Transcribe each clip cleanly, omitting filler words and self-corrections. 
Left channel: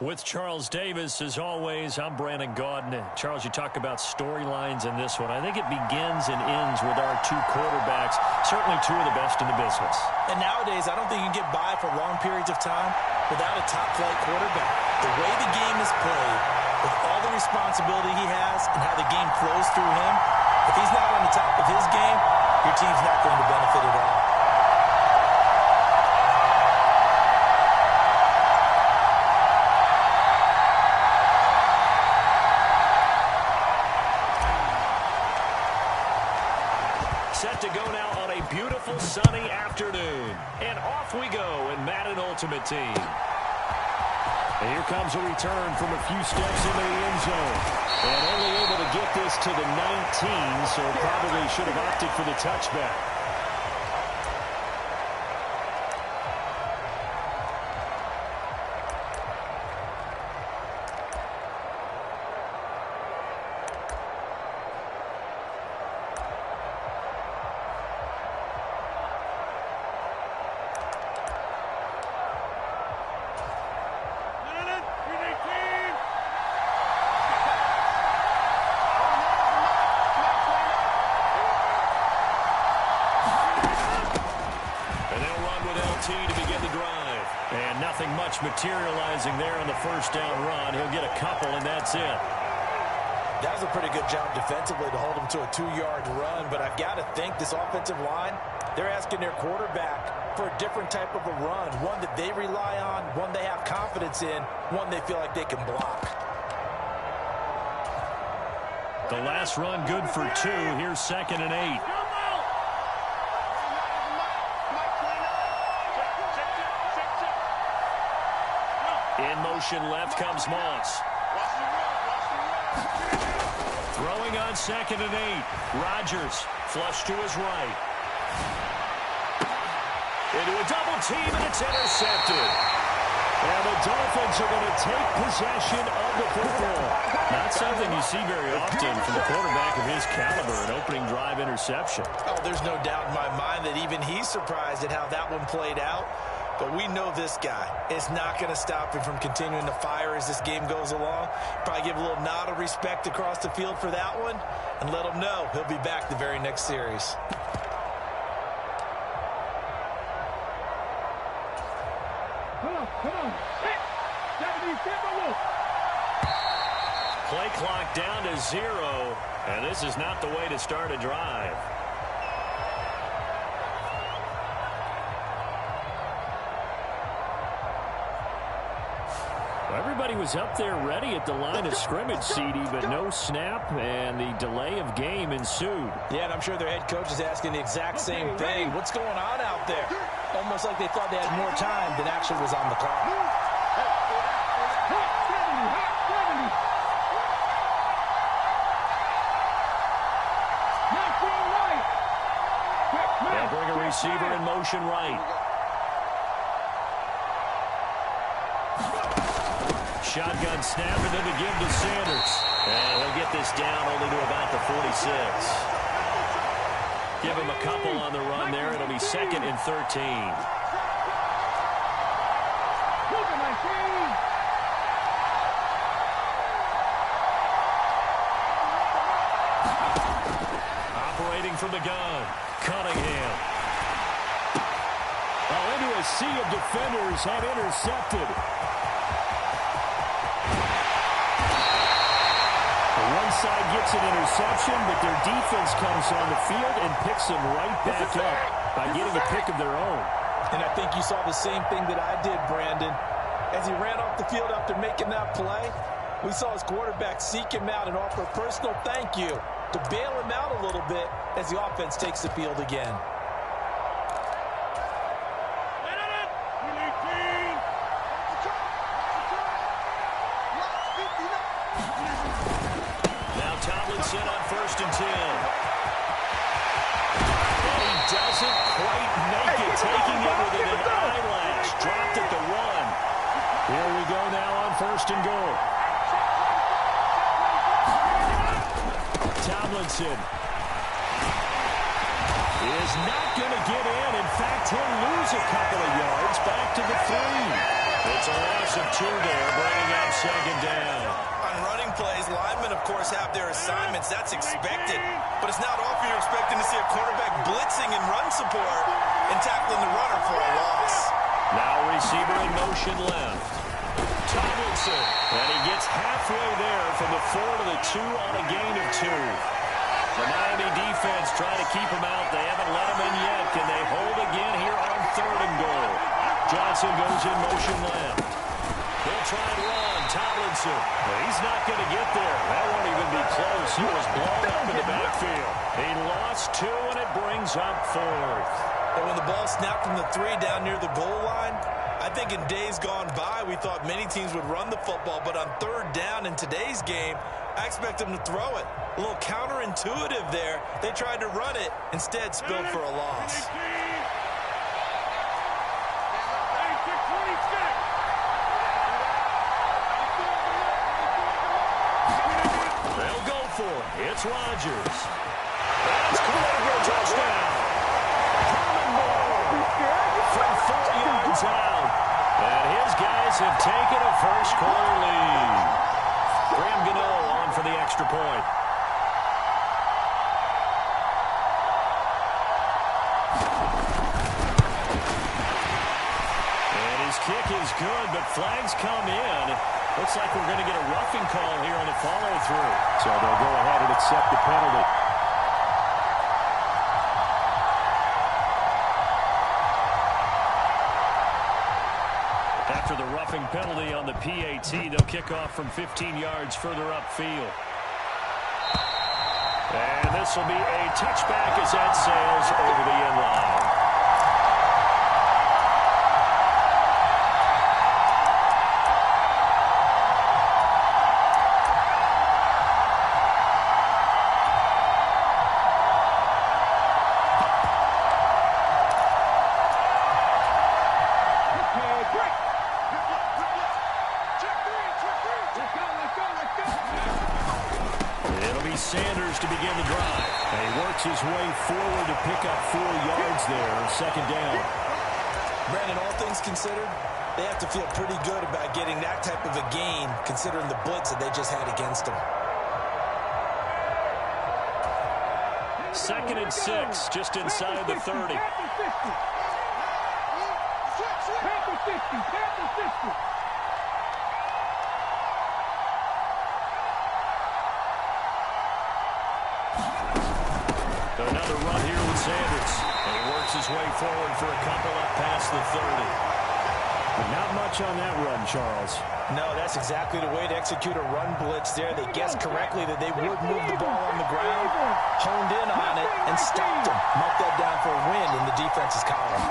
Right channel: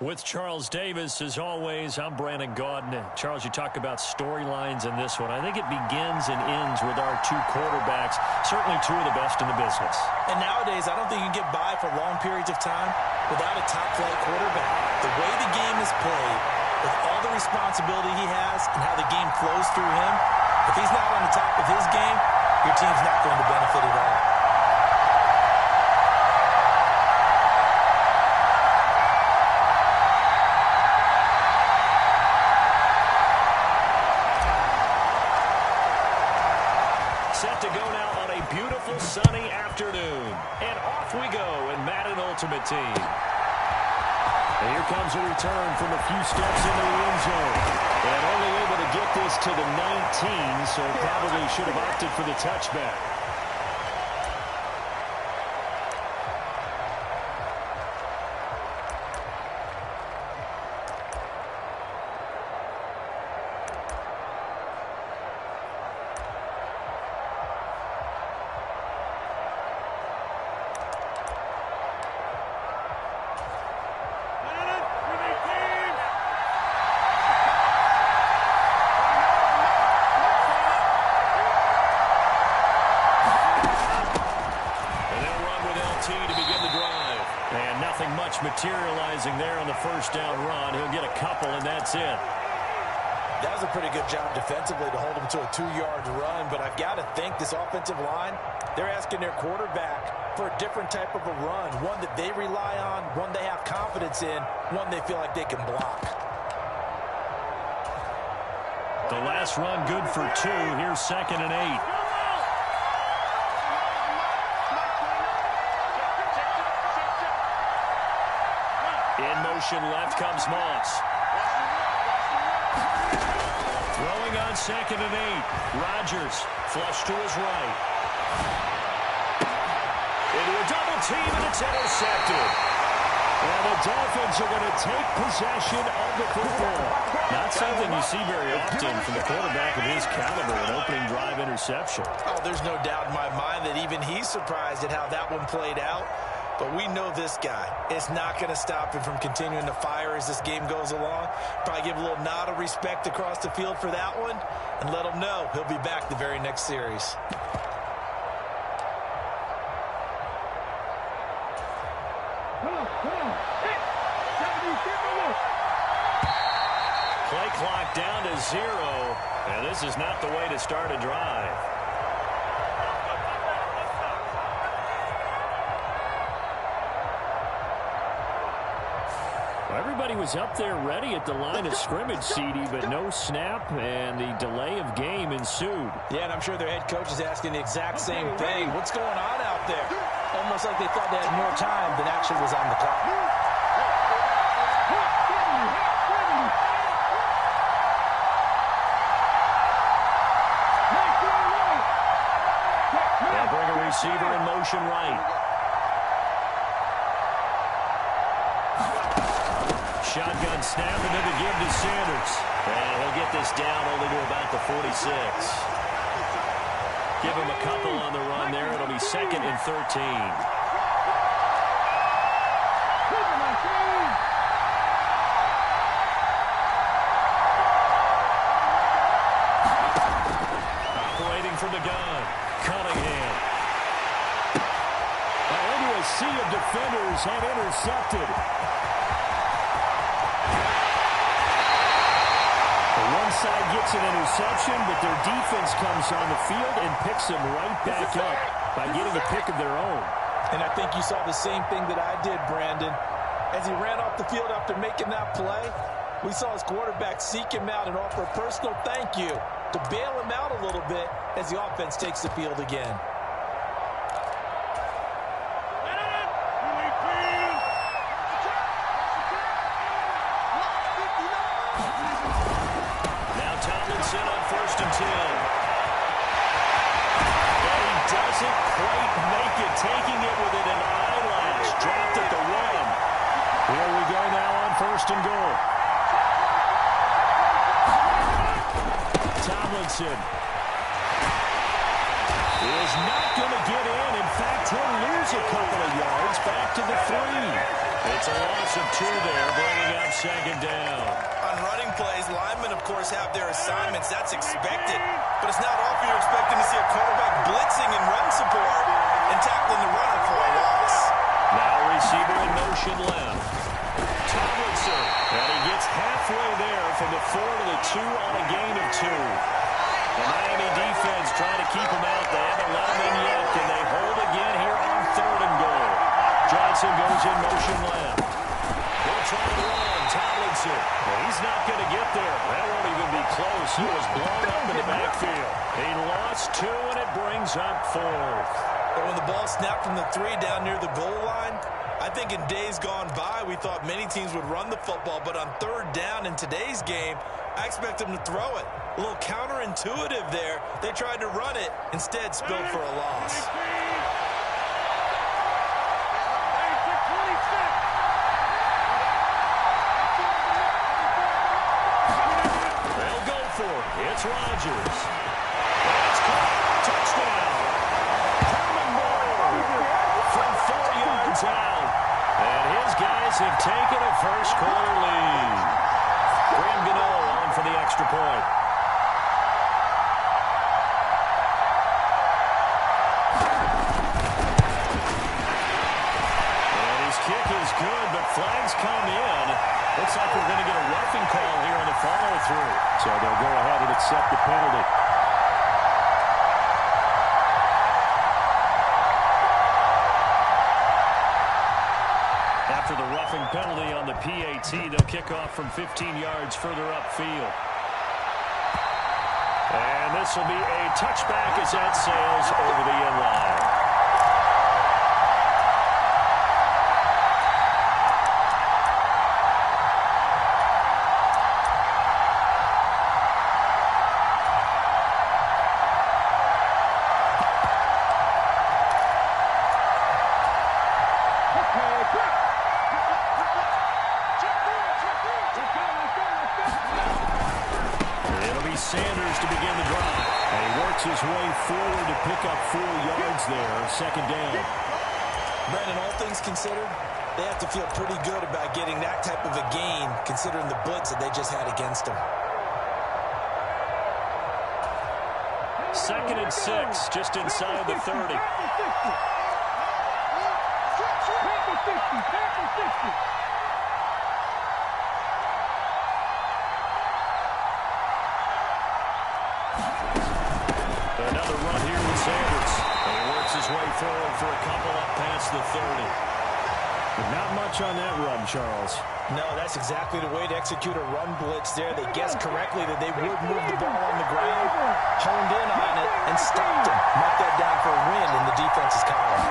With Charles Davis, as always, I'm Brandon Gaudin. Charles, you talk about storylines in this one. I think it begins and ends with our two quarterbacks, certainly two of the best in the business. And nowadays, I don't think you can get by for long periods of time without a top-flight quarterback. The way the game is played, with all the responsibility he has and how the game flows through him, if he's not on the top of his game, your team's not going to benefit at all. Set to go now on a beautiful sunny afternoon. And off we go in Madden Ultimate Team. And here comes a return from a few steps into the end zone. And only able to get this to the 19, so probably should have opted for the touchback. To begin the drive. And nothing much materializing there on the first down run. He'll get a couple, and that's it. That was a pretty good job defensively to hold him to a 2-yard run, but I've got to think this offensive line, they're asking their quarterback for a different type of a run, one that they rely on, one they have confidence in, one they feel like they can block. The last run good for 2. Here's 2nd and 8. In motion left comes Moss. Throwing on 2nd and 8. Rodgers flush to his right. Into a double team, and it's intercepted. And the Dolphins are going to take possession of the football. Not something you see very often from the quarterback of his caliber, an opening drive interception. Oh, there's no doubt in my mind that even he's surprised at how that one played out. But we know this guy. It's not going to stop him from continuing to fire as this game goes along. Probably give a little nod of respect across the field for that one and let him know he'll be back the very next series. Come on. Hit. 70, Play clock down to 0. And this is not the way to start a drive. Well, everybody was up there ready at the line of scrimmage, CD, but no snap, and the delay of game ensued. Yeah, and I'm sure their head coach is asking the exact same thing. What's going on out there? Almost like they thought they had more time than actually was on the clock. They'll bring a receiver in motion right. Shotgun snap, and then the give to Sanders. And he'll get this down only to about the 46. Give him a couple on the run there. It'll be 2nd and 13. Operating from the gun, Cunningham. Oh, into a sea of defenders and intercepted. One side gets an interception, but their defense comes on the field and picks them right back up by getting a pick of their own. And I think you saw the same thing that I did, Brandon. As he ran off the field after making that play, we saw his quarterback seek him out and offer a personal thank you to bail him out a little bit as the offense takes the field again. Tomlinson on 1st and 10. And he doesn't quite make it, taking it within an eyelash. Dropped at the 1. Here we go now on 1st and goal. Tomlinson is not going to get in. In fact, he'll lose a couple of yards back to the 3. It's a loss of 2 there, bringing up second down. On running plays, linemen, of course, have their assignments. That's expected. But it's not often you're expecting to see a quarterback blitzing and run support and tackling the runner for a loss. Now receiver in motion left. Tomlinson. And he gets halfway there from the 4 to the 2 on a gain of 2. The Miami defense trying to keep him out. They haven't let him in yet. Can they hold again here on 3rd and goal? Johnson goes in motion left. They'll try and run. Tomlinson. He's not going to get there. That won't even be close. He was blown up in the backfield. He lost 2, and it brings up 4th. But when the ball snapped from the 3 down near the goal line, I think in days gone by, we thought many teams would run the football. But on 3rd down in today's game, I expect them to throw it. A little counterintuitive there. They tried to run it, instead spilled for a loss. They'll go for it. It's Rodgers. That's caught for a touchdown. Herman Moore from 4 yards out. And his guys have taken a first-quarter lead. Graham Gano on for the extra point. And his kick is good, but flags come in. Looks like we're going to get a roughing call here on the follow-through. So they'll go ahead and accept the penalty. After the roughing penalty on the PAT, they'll kick off from 15 yards further upfield. And this will be a touchback as that sails over the end line. Sanders to begin the drive. And he works his way forward to pick up 4 yards there. 2nd down. Brandon, all things considered, they have to feel pretty good about getting that type of a gain, considering the blitz that they just had against them. 2nd and 6, just inside the 30. Another run here with Sanders. And he works his way forward for a couple up past the 30. But not much on that run, Charles. No, that's exactly the way to execute a run blitz there. They guessed correctly that they would move the ball on the ground, honed in on it, and stopped him. Mark that down for a win in the defense's column.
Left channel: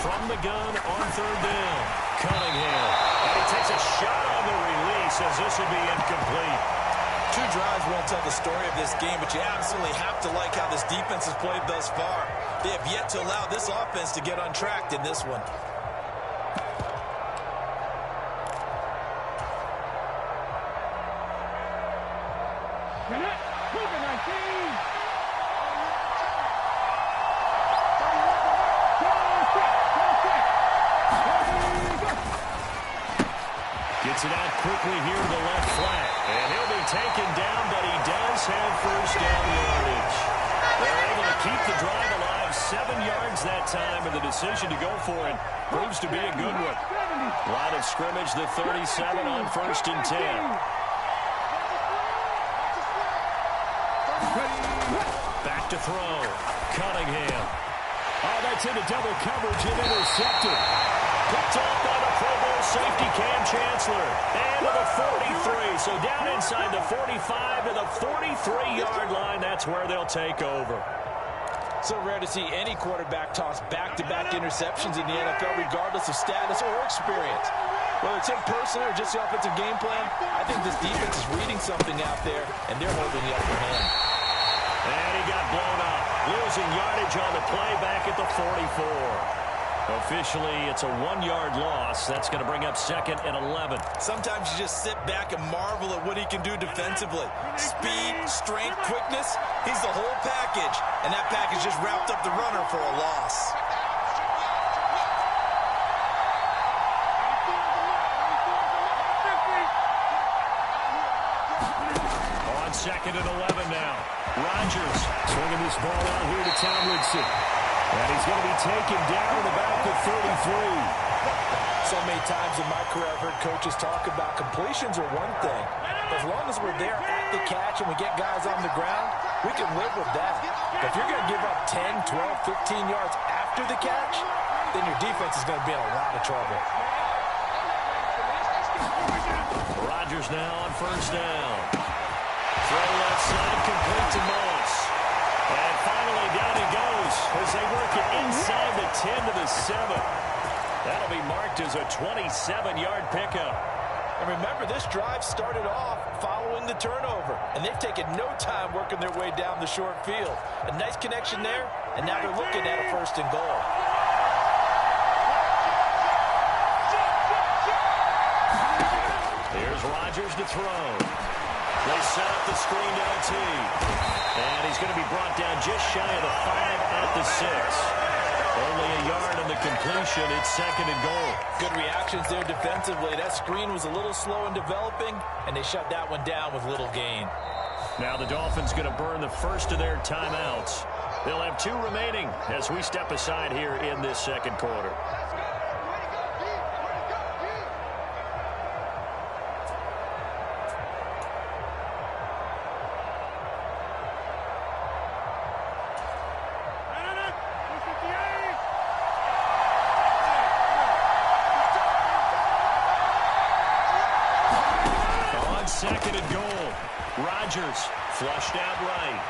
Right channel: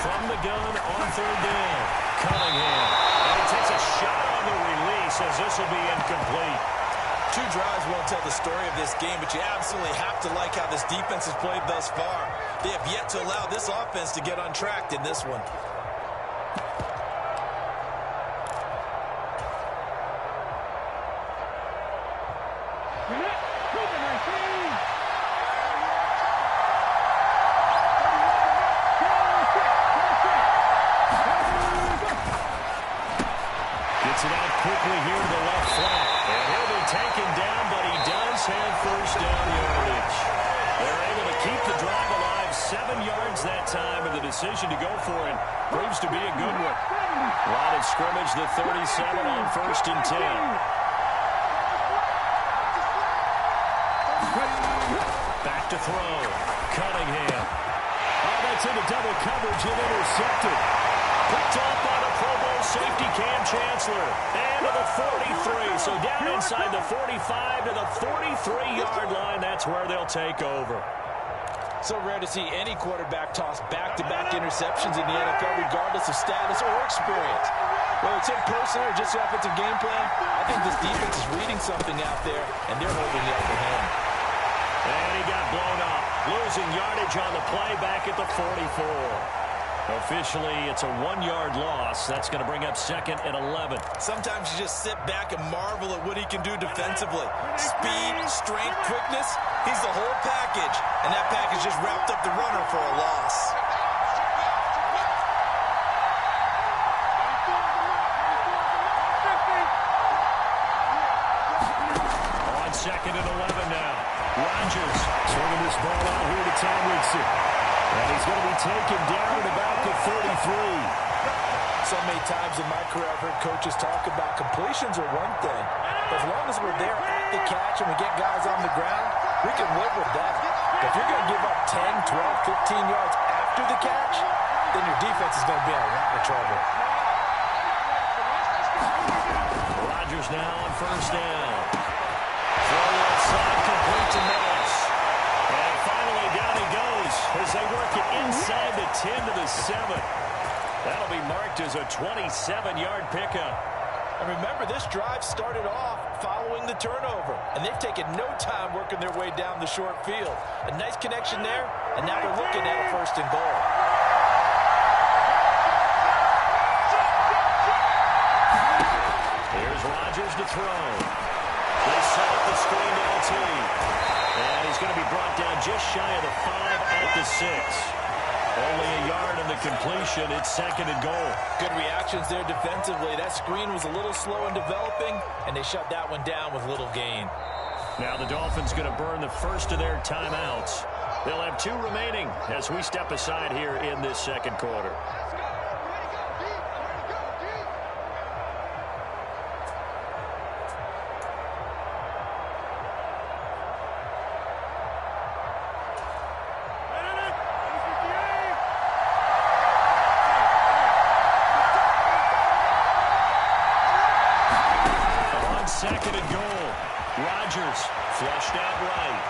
From the gun on 3rd down, Cunningham. And he takes a shot on the release as this will be incomplete. 2 drives won't tell the story of this game, but you absolutely have to like how this defense has played thus far. They have yet to allow this offense to get untracked in this one. Gets it out quickly here to the left flat. And he'll be taken down, but he does have 1st down yardage. They're able to keep the drive alive 7 yards that time, and the decision to go for it proves to be a good one. Line of scrimmage, the 37 on 1st and 10. Back to throw. Cunningham. Oh, that's into double coverage and intercepted. Picked off by the Pro Bowl safety Cam Chancellor. And to the 43. So down inside the 45 to the 43-yard line. That's where they'll take over. So rare to see any quarterback toss back-to-back interceptions in the NFL, regardless of status or experience. Whether it's him personally or just the offensive game plan, I think this defense is reading something out there, and they're holding the upper hand. And he got blown up. Losing yardage on the play back at the 44. Officially, it's a 1-yard loss. That's going to bring up 2nd and 11. Sometimes you just sit back and marvel at what he can do defensively. Speed, strength, quickness, he's the whole package. And that package just wrapped up the runner for a loss. 2nd and 11 now. Rodgers swinging this ball out here to Tomlinson. And he's going to be taken down at about the 33. So many times in my career I've heard coaches talk about completions are one thing. But as long as we're there at the catch and we get guys on the ground, we can live with that. But if you're going to give up 10, 12, 15 yards after the catch, then your defense is going to be in a lot of trouble. Rodgers now on 1st down. Throw left side, complete to Moss. And finally down he goes as they work it inside the 10 to the 7. That'll be marked as a 27-yard pickup. And remember, this drive started off following the turnover, and they've taken no time working their way down the short field. A nice connection there, and now they're looking at a 1st and goal. Here's Rodgers to throw. They set up the screen to LT. And he's going to be brought down just shy of the 5 at the 6. Only a yard on the completion. It's 2nd and goal. Good reactions there defensively. That screen was a little slow in developing, and they shut that one down with little gain. Now the Dolphins going to burn the first of their timeouts. They'll have 2 remaining as we step aside here in this 2nd quarter. On 2nd and goal, Rodgers flushed out right.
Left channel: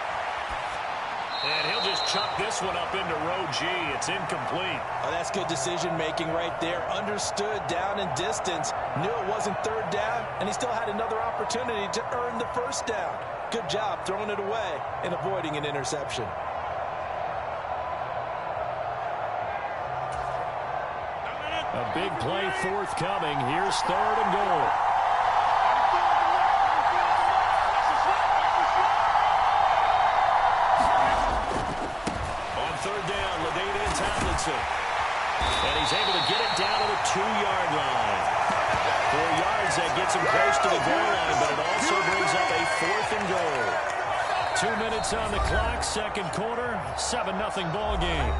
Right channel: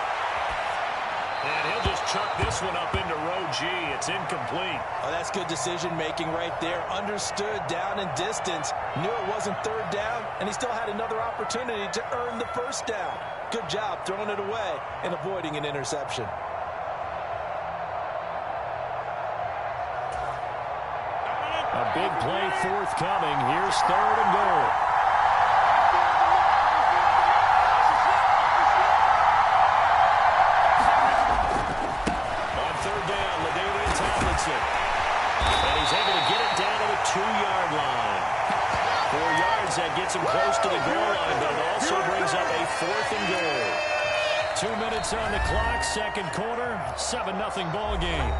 And he'll just chuck this one up into row G. It's incomplete. Oh, that's good decision-making right there. Understood down and distance. Knew it wasn't 3rd down, and he still had another opportunity to earn the 1st down. Good job throwing it away and avoiding an interception. A big play forthcoming. Here's 3rd and goal. And he's able to get it down to the 2-yard line. 4 yards, that gets him close to the goal line, but it also brings up a 4th and goal. 2 minutes on the clock, 2nd quarter, 7-0 ball game.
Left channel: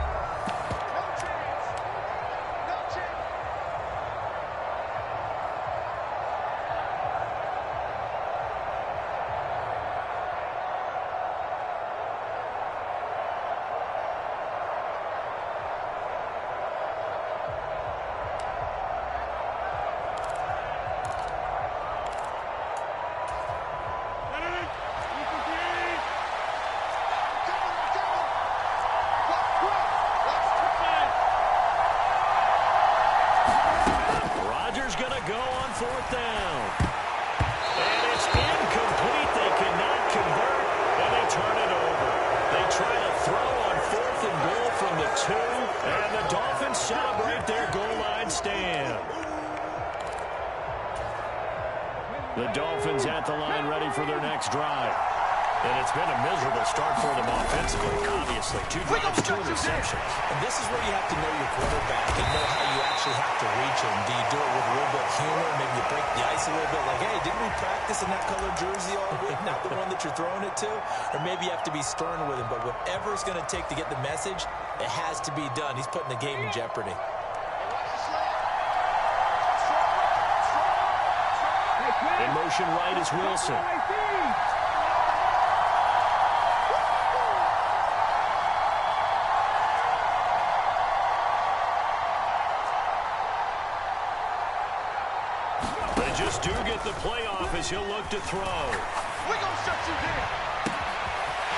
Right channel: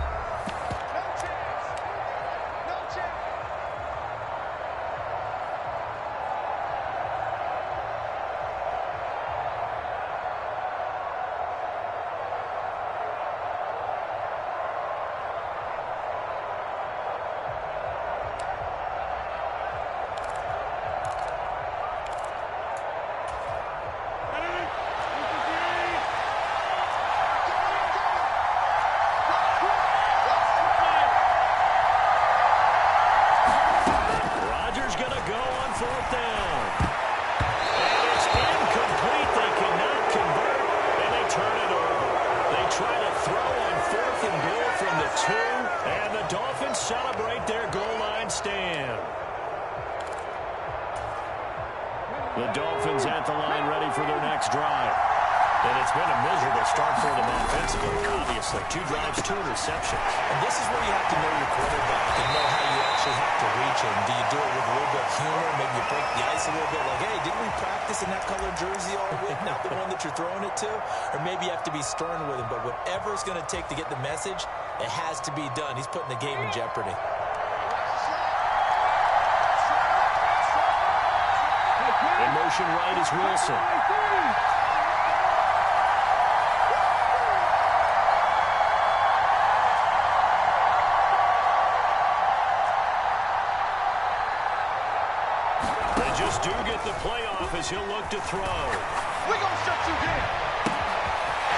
Going to go on 4th down. And it's incomplete. They cannot convert, and they turn it over. They try to throw on 4th and goal from the 2, and the Dolphins celebrate their goal line stand. The Dolphins at the line ready for their next drive. And it's been a miserable start for them offensively, obviously. 2 drives, 2 interceptions. And this is where you have to know your quarterback and know how you actually have to reach him. Do you do it with a little bit of humor? Maybe you break the ice a little bit like, hey, didn't we practice in that colored jersey all week? Not the one that you're throwing it to? Or maybe you have to be stern with him. But whatever it's going to take to get the message, it has to be done. He's putting the game in jeopardy. In motion right is Wilson. They just do get the playoff as he'll look to throw. We're going to shut you down.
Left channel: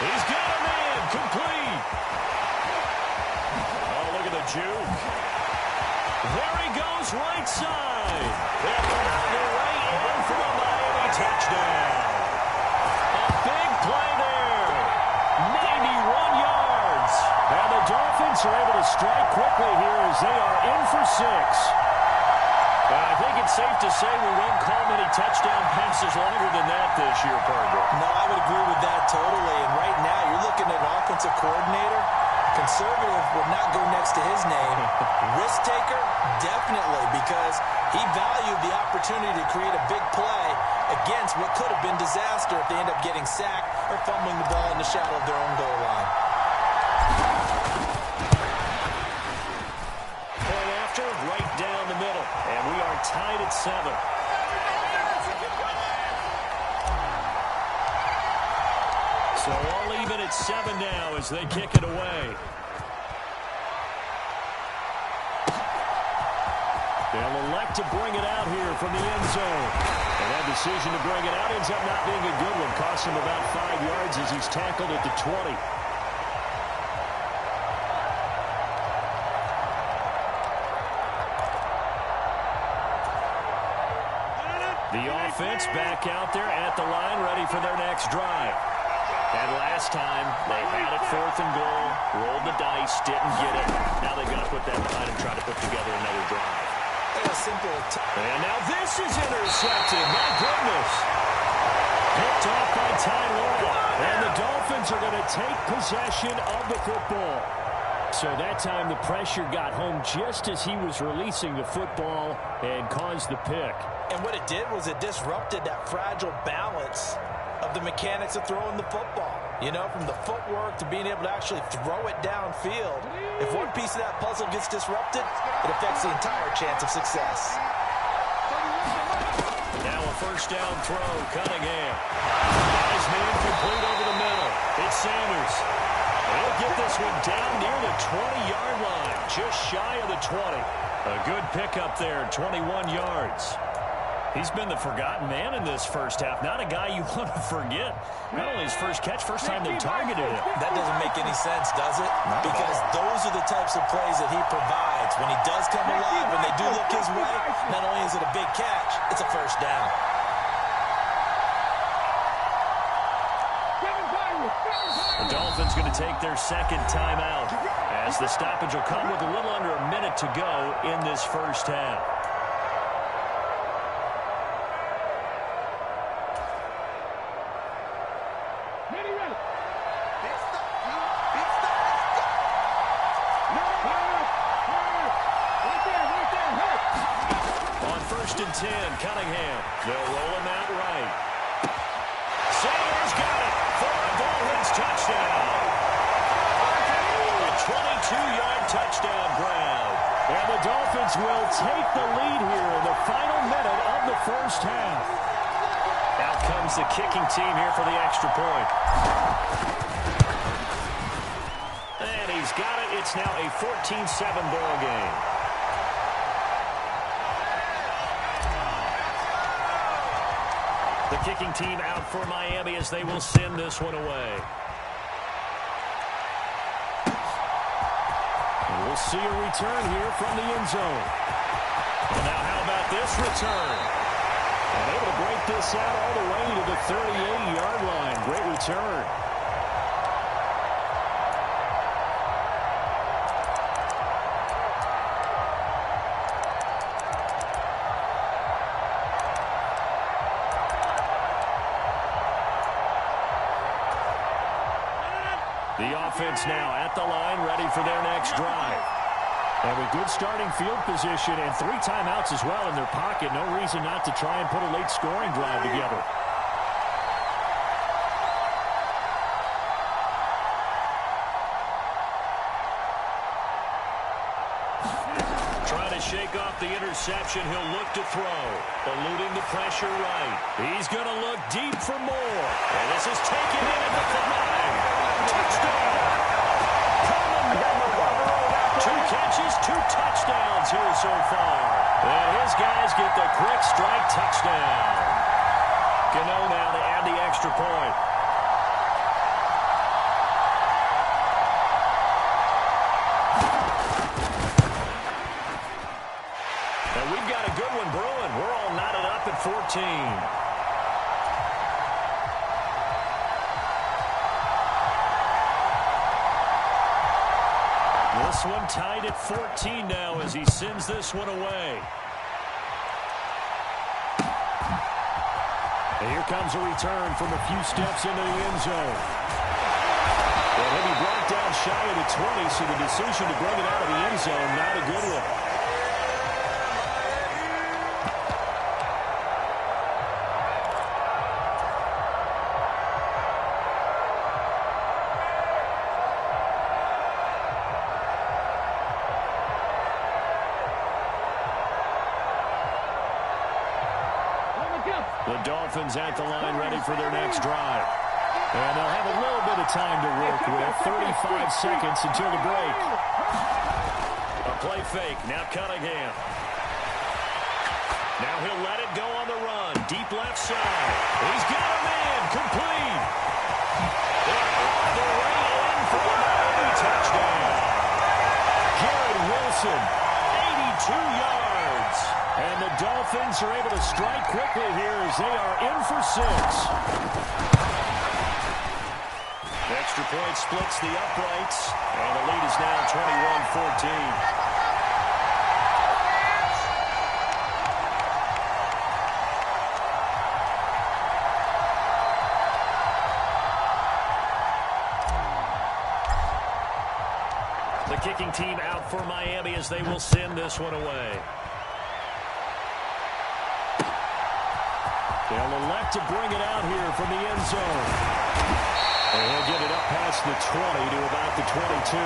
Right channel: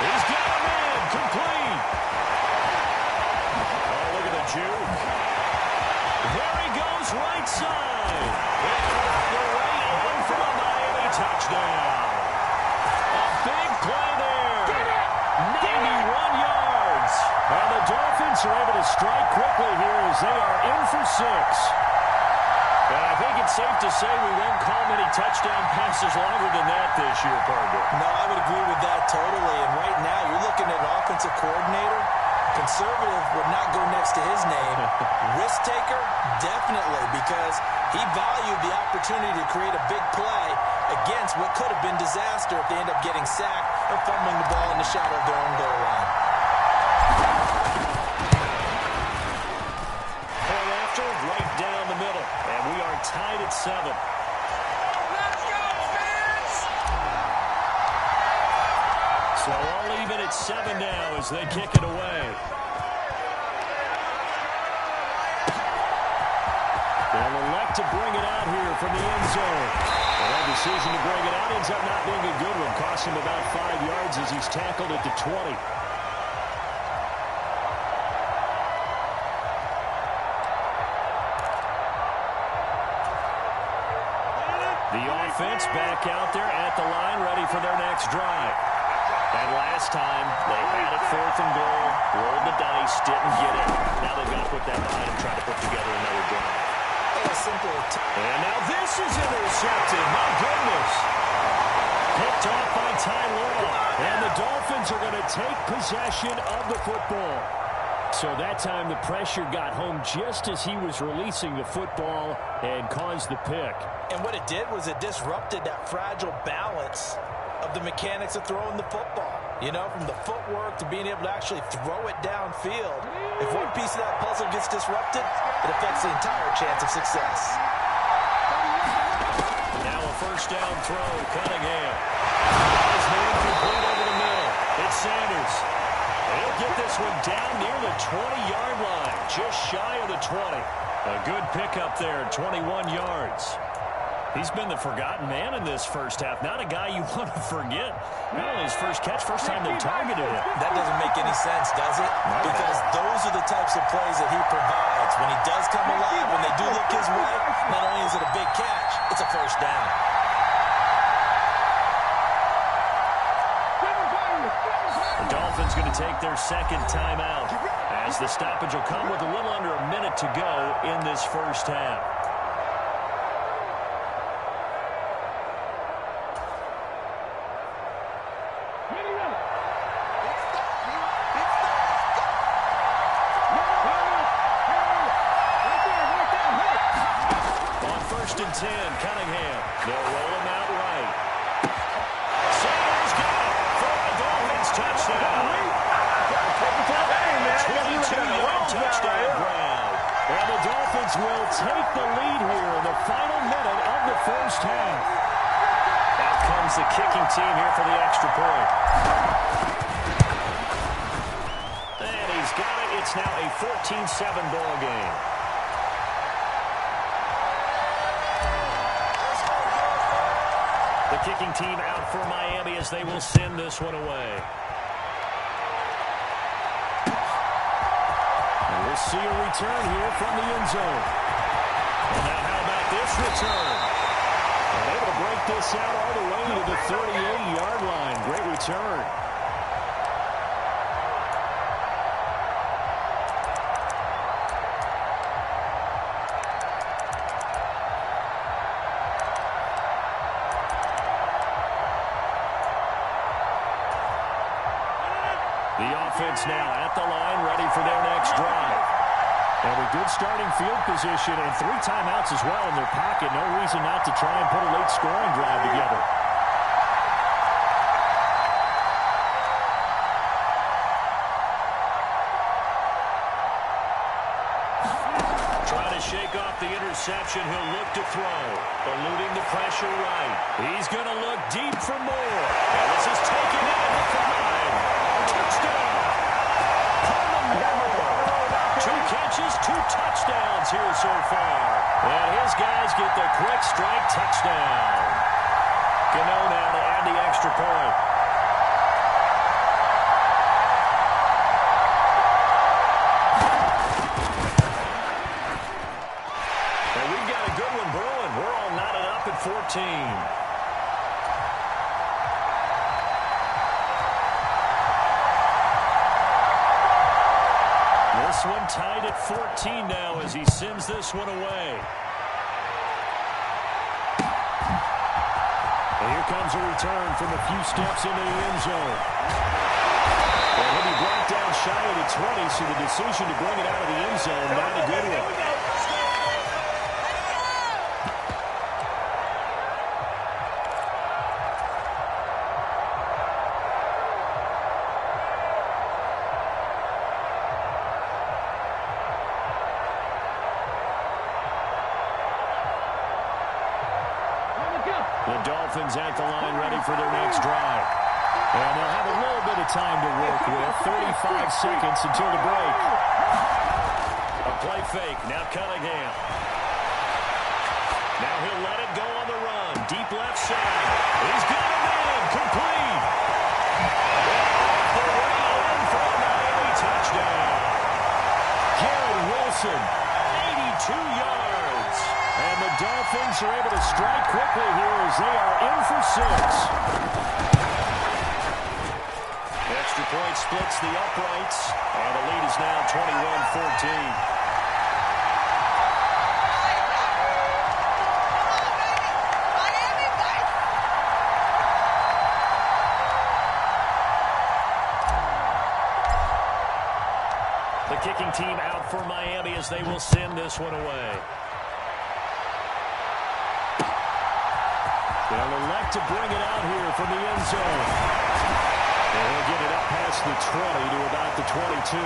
He's got a man complete. Oh, look at the juke. There he goes right side. And on the way in for a Miami touchdown. A big play there. 91 yards. And the Dolphins are able to strike quickly here as they are in for 6. And I think it's safe to say we won't call many touchdown passes longer than that this year, partner. No, I would agree with that totally. And right now, you're looking at an offensive coordinator. Conservative would not go next to his name. Risk taker, definitely, because he valued the opportunity to create a big play against what could have been disaster if they end up getting sacked or fumbling the ball in the shadow of their own goal line. Point after, right down the middle. And we are tied at 7. So all even at 7 now as they kick it away. They'll elect to bring it out here from the end zone. And that decision to bring it out ends up not being a good one. Costs him about 5 yards as he's tackled at the 20. The offense back out there at the line, ready for their next drive. And last time, they had it 4th and goal, rolled the dice, didn't get it. Now they've got to put that behind and try to put together another drive. And now this is intercepted. My goodness. Picked off by Ty Law. And the Dolphins are going to take possession of the football. So that time the pressure got home just as he was releasing the football and caused the pick. And what it did was it disrupted that fragile balance of the mechanics of throwing the football. You know, from the footwork to being able to actually throw it downfield. If one piece of that puzzle gets disrupted, it affects the entire chance of success. Now a first down throw, Cunningham. Got his man complete over the middle. It's Sanders. He'll get this one down near the 20-yard line, just shy of the 20. A good pickup there, 21 yards. He's been the forgotten man in this first half. Not a guy you want to forget. Not only his first catch, first time they targeted him. That doesn't make any sense, does it? Because those are the types of plays that he provides. When he does come alive, when they do look his way, not only is it a big catch, it's a first down. The Dolphins going to take their second timeout as the stoppage will come with a little under a minute to go in this first half. On 1st and 10, Cunningham. They'll roll him out right. Sanders got it for a Dolphins touchdown. A 22-yard touchdown grab. And the Dolphins will take the lead here in the final minute of the first half. Out comes the kicking team here for the extra point. And he's got it. It's now a 14-7 ball game. The kicking team out for Miami as they will send this one away. And we'll see a return here from the end zone. Well, now how about this return? And able to break this out all the way to the 38-yard line. Great return. The offense now at the line, ready for their next drive. And with good starting field position and 3 timeouts as well in their pocket, no reason not to try and put a late scoring drive together. Trying to shake off the interception. He'll look to throw. Eluding the pressure right. He's going to look deep for more. And this is taken in at the 5. Touchdown! Herman Moore. 2 catches, 2 touchdowns here so far. And his guys get the quick strike touchdown. Gano now to add the extra point. And we've got a good one brewing. We're all knotted up at 14. This one tied at 14 now as he sends this one away. And here comes a return from a few steps into the end zone. And he'll be brought down shy of the 20, so the decision to bring it out of the end zone, not a good one. The Dolphins at the line ready for their next drive. And they'll have a little bit of time to work with. 35 seconds until the break. A play fake. Now Cunningham. Now he'll let it go on the run. Deep left side. He's got him in. Complete. And off the way in for a Miami touchdown. Garrett Wilson, 82 yards. And the Dolphins are able to strike quickly here as they are in for 6. Extra point splits the uprights. And the lead is now 21-14. The kicking team out for Miami as they will send this one away. They'll elect to bring it out here from the end zone. And he'll get it up past the 20 to about the 22.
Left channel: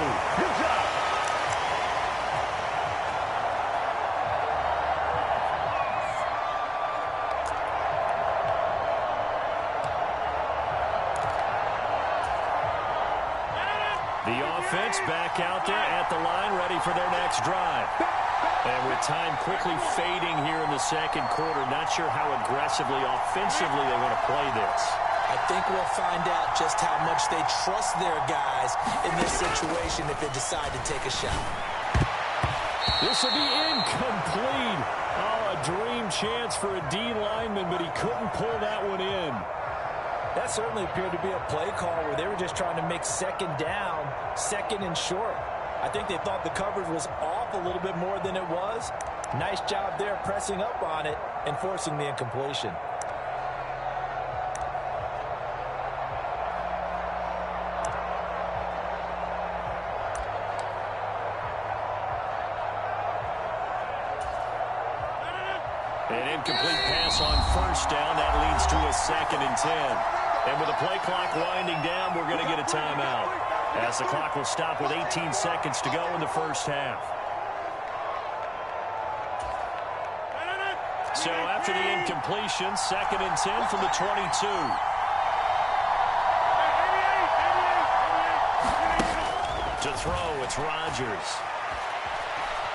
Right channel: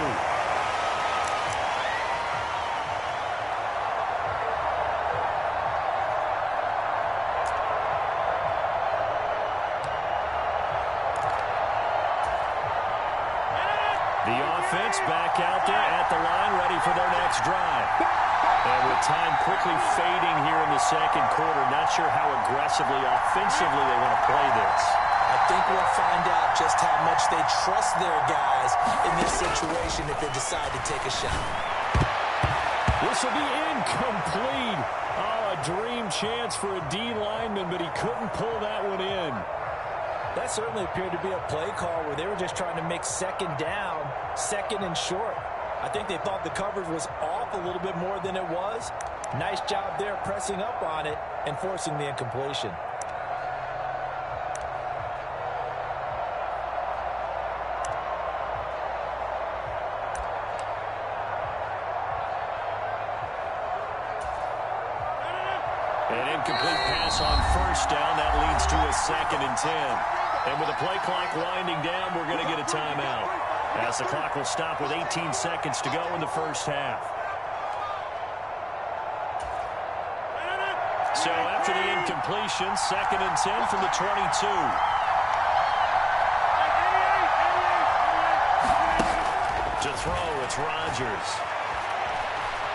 The offense back out there at the line, ready for their next drive. And with time quickly fading here in the second quarter, not sure how aggressively, offensively they want to play this. I think we'll find out just how much they trust their guys in this situation if they decide to take a shot. This will be incomplete. Oh, a dream chance for a D lineman, but he couldn't pull that one in. That certainly appeared to be a play call where they were just trying to make second down, second and short. I think they thought the coverage was off a little bit more than it was. Nice job there pressing up on it and forcing the incompletion. An incomplete pass on first down. That leads to a 2nd and 10. And with the play clock winding down, we're going to get a timeout, as the clock will stop with 18 seconds to go in the first half. So after the incompletion, 2nd and 10 from the 22. To throw, it's Rodgers.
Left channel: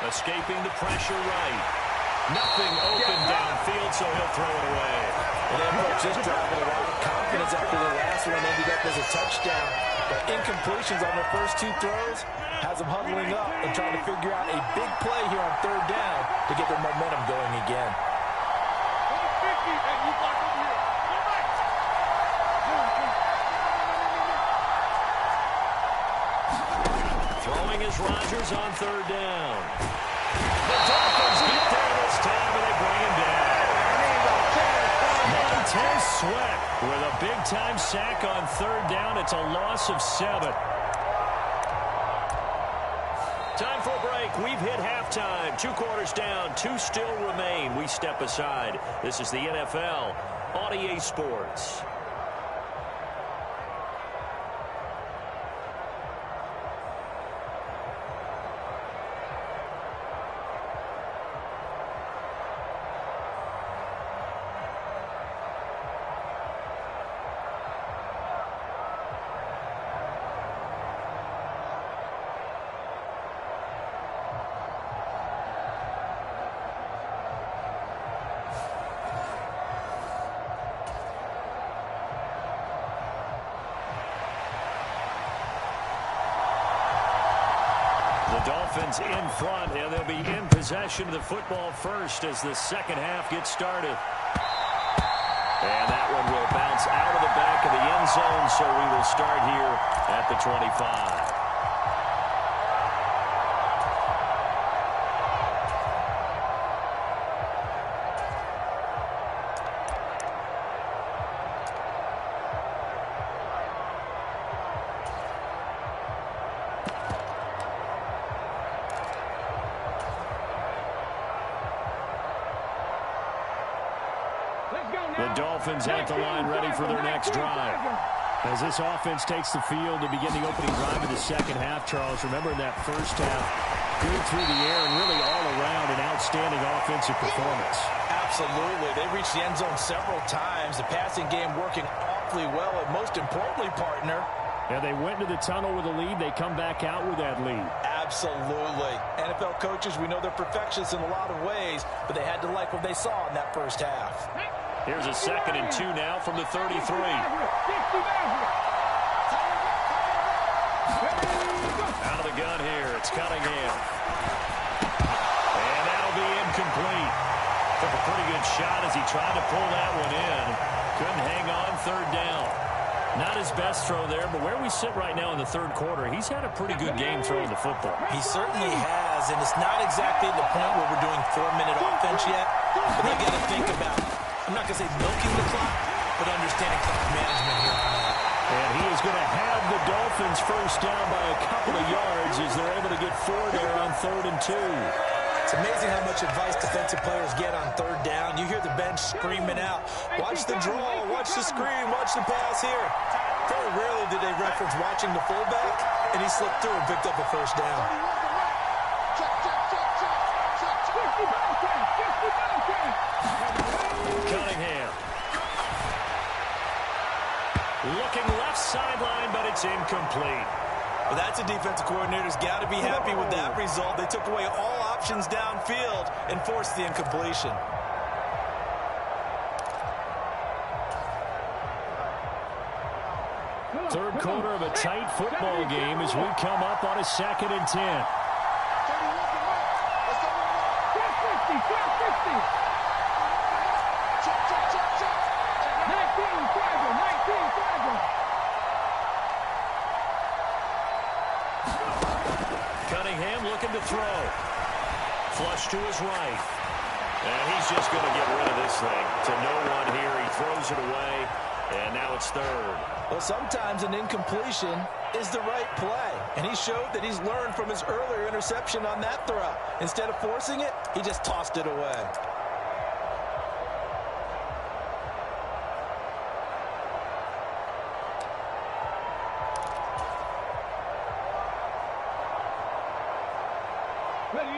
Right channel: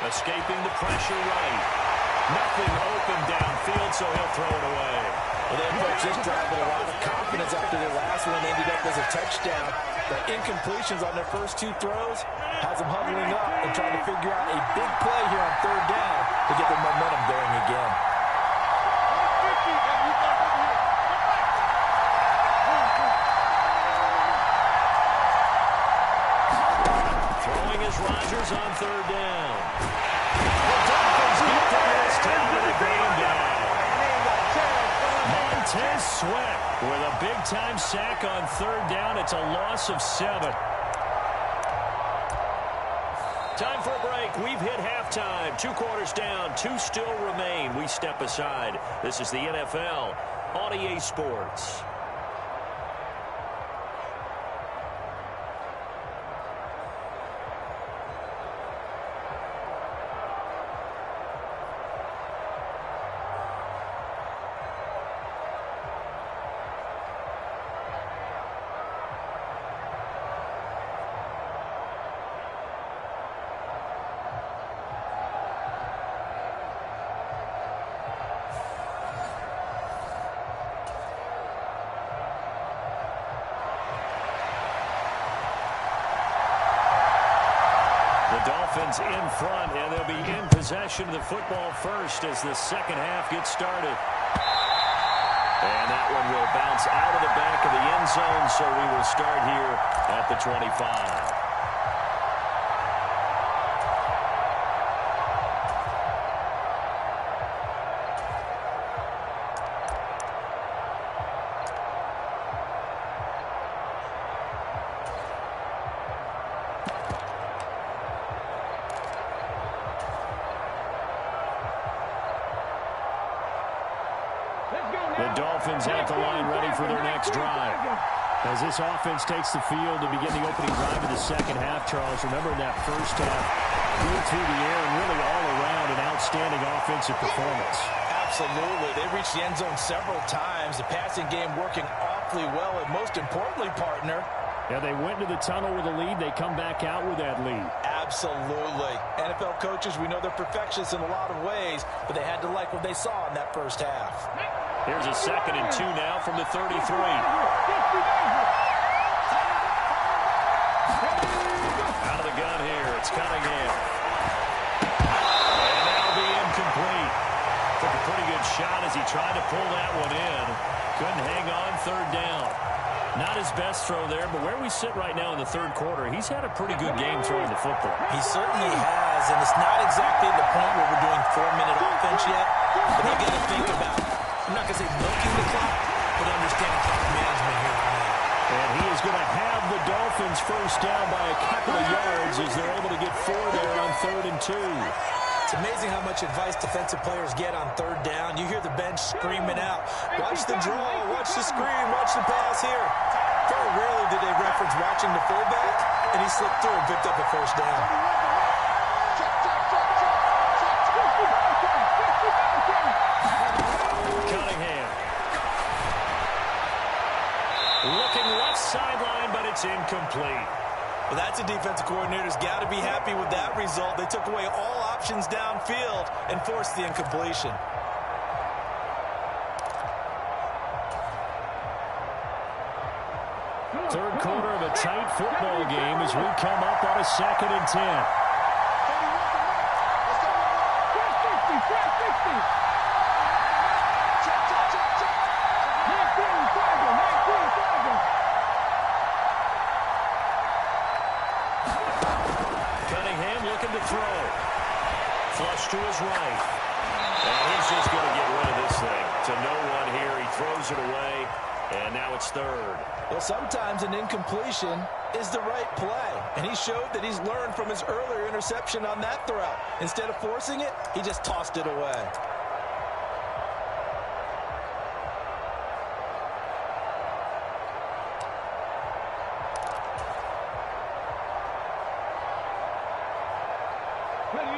Escaping the pressure right. Nothing open downfield, so he'll throw it away. Well, they approached this drive with a lot of confidence after the last one ended up as a touchdown. But incompletions on their first 2 throws has them huddling up and trying to figure out a big play here on 3rd down to get their momentum going again. Throwing is Rodgers on 3rd down. The Dolphins get there this time, and they bring him down. Montez Sweat with a big-time sack on 3rd down. It's a loss of 7. Time for a break. We've hit halftime. 2 quarters down. 2 still remain. We step aside. This is the NFL on EA Sports. The Dolphins in front, and they'll be in possession of the football first as the second half gets started. And that one will bounce out of the back of the end zone, so we will start here at the 25. The Dolphins at the line ready for their next drive. As this offense takes the field to begin the opening drive of the second half, Charles, remember in that first half, good through the air and really all around an outstanding offensive performance. Absolutely. They reached the end zone several times. The passing game working awfully well. And most importantly, partner, yeah, they went to the tunnel with a lead. They come back out with that lead. Absolutely. NFL coaches, we know they're perfectionists in a lot of ways, but they had to like what they saw in that first half. Here's a 2nd and 2 now from the 33. Out of the gun here, it's Cunningham. And that'll be incomplete. Took a pretty good shot as he tried to pull that one in. Couldn't hang on 3rd down. Not his best throw there, but where we sit right now in the 3rd quarter, he's had a pretty good game throwing the football. He certainly has, and it's not exactly the point where we're doing 4-minute offense yet, but they've got to think about, I'm not going to say milking the clock, but understanding clock management here on out. And he is going to have the Dolphins first down by a couple of yards as they're able to get 4 there on 3rd and 2. It's amazing how much advice defensive players get on 3rd down. You hear the bench screaming out, watch the draw, watch the screen, watch the pass here. Very rarely did they reference watching the fullback, and he slipped through and picked up a first down. Cunningham. Looking left sideline, but it's incomplete. Well, that's a defensive coordinator's got to be happy with that result. They took away all options downfield and forced the incompletion. Third quarter of a tight football game as we come up on a 2nd and 10. Cunningham looking to throw. Flush to his right. And he's just going to get rid of this thing. To no one here. He throws it away. And now it's 3rd. Well, sometimes an incompletion is the right play. And he showed that he's learned from his earlier interception on that throw. Instead of forcing it, he just tossed it away.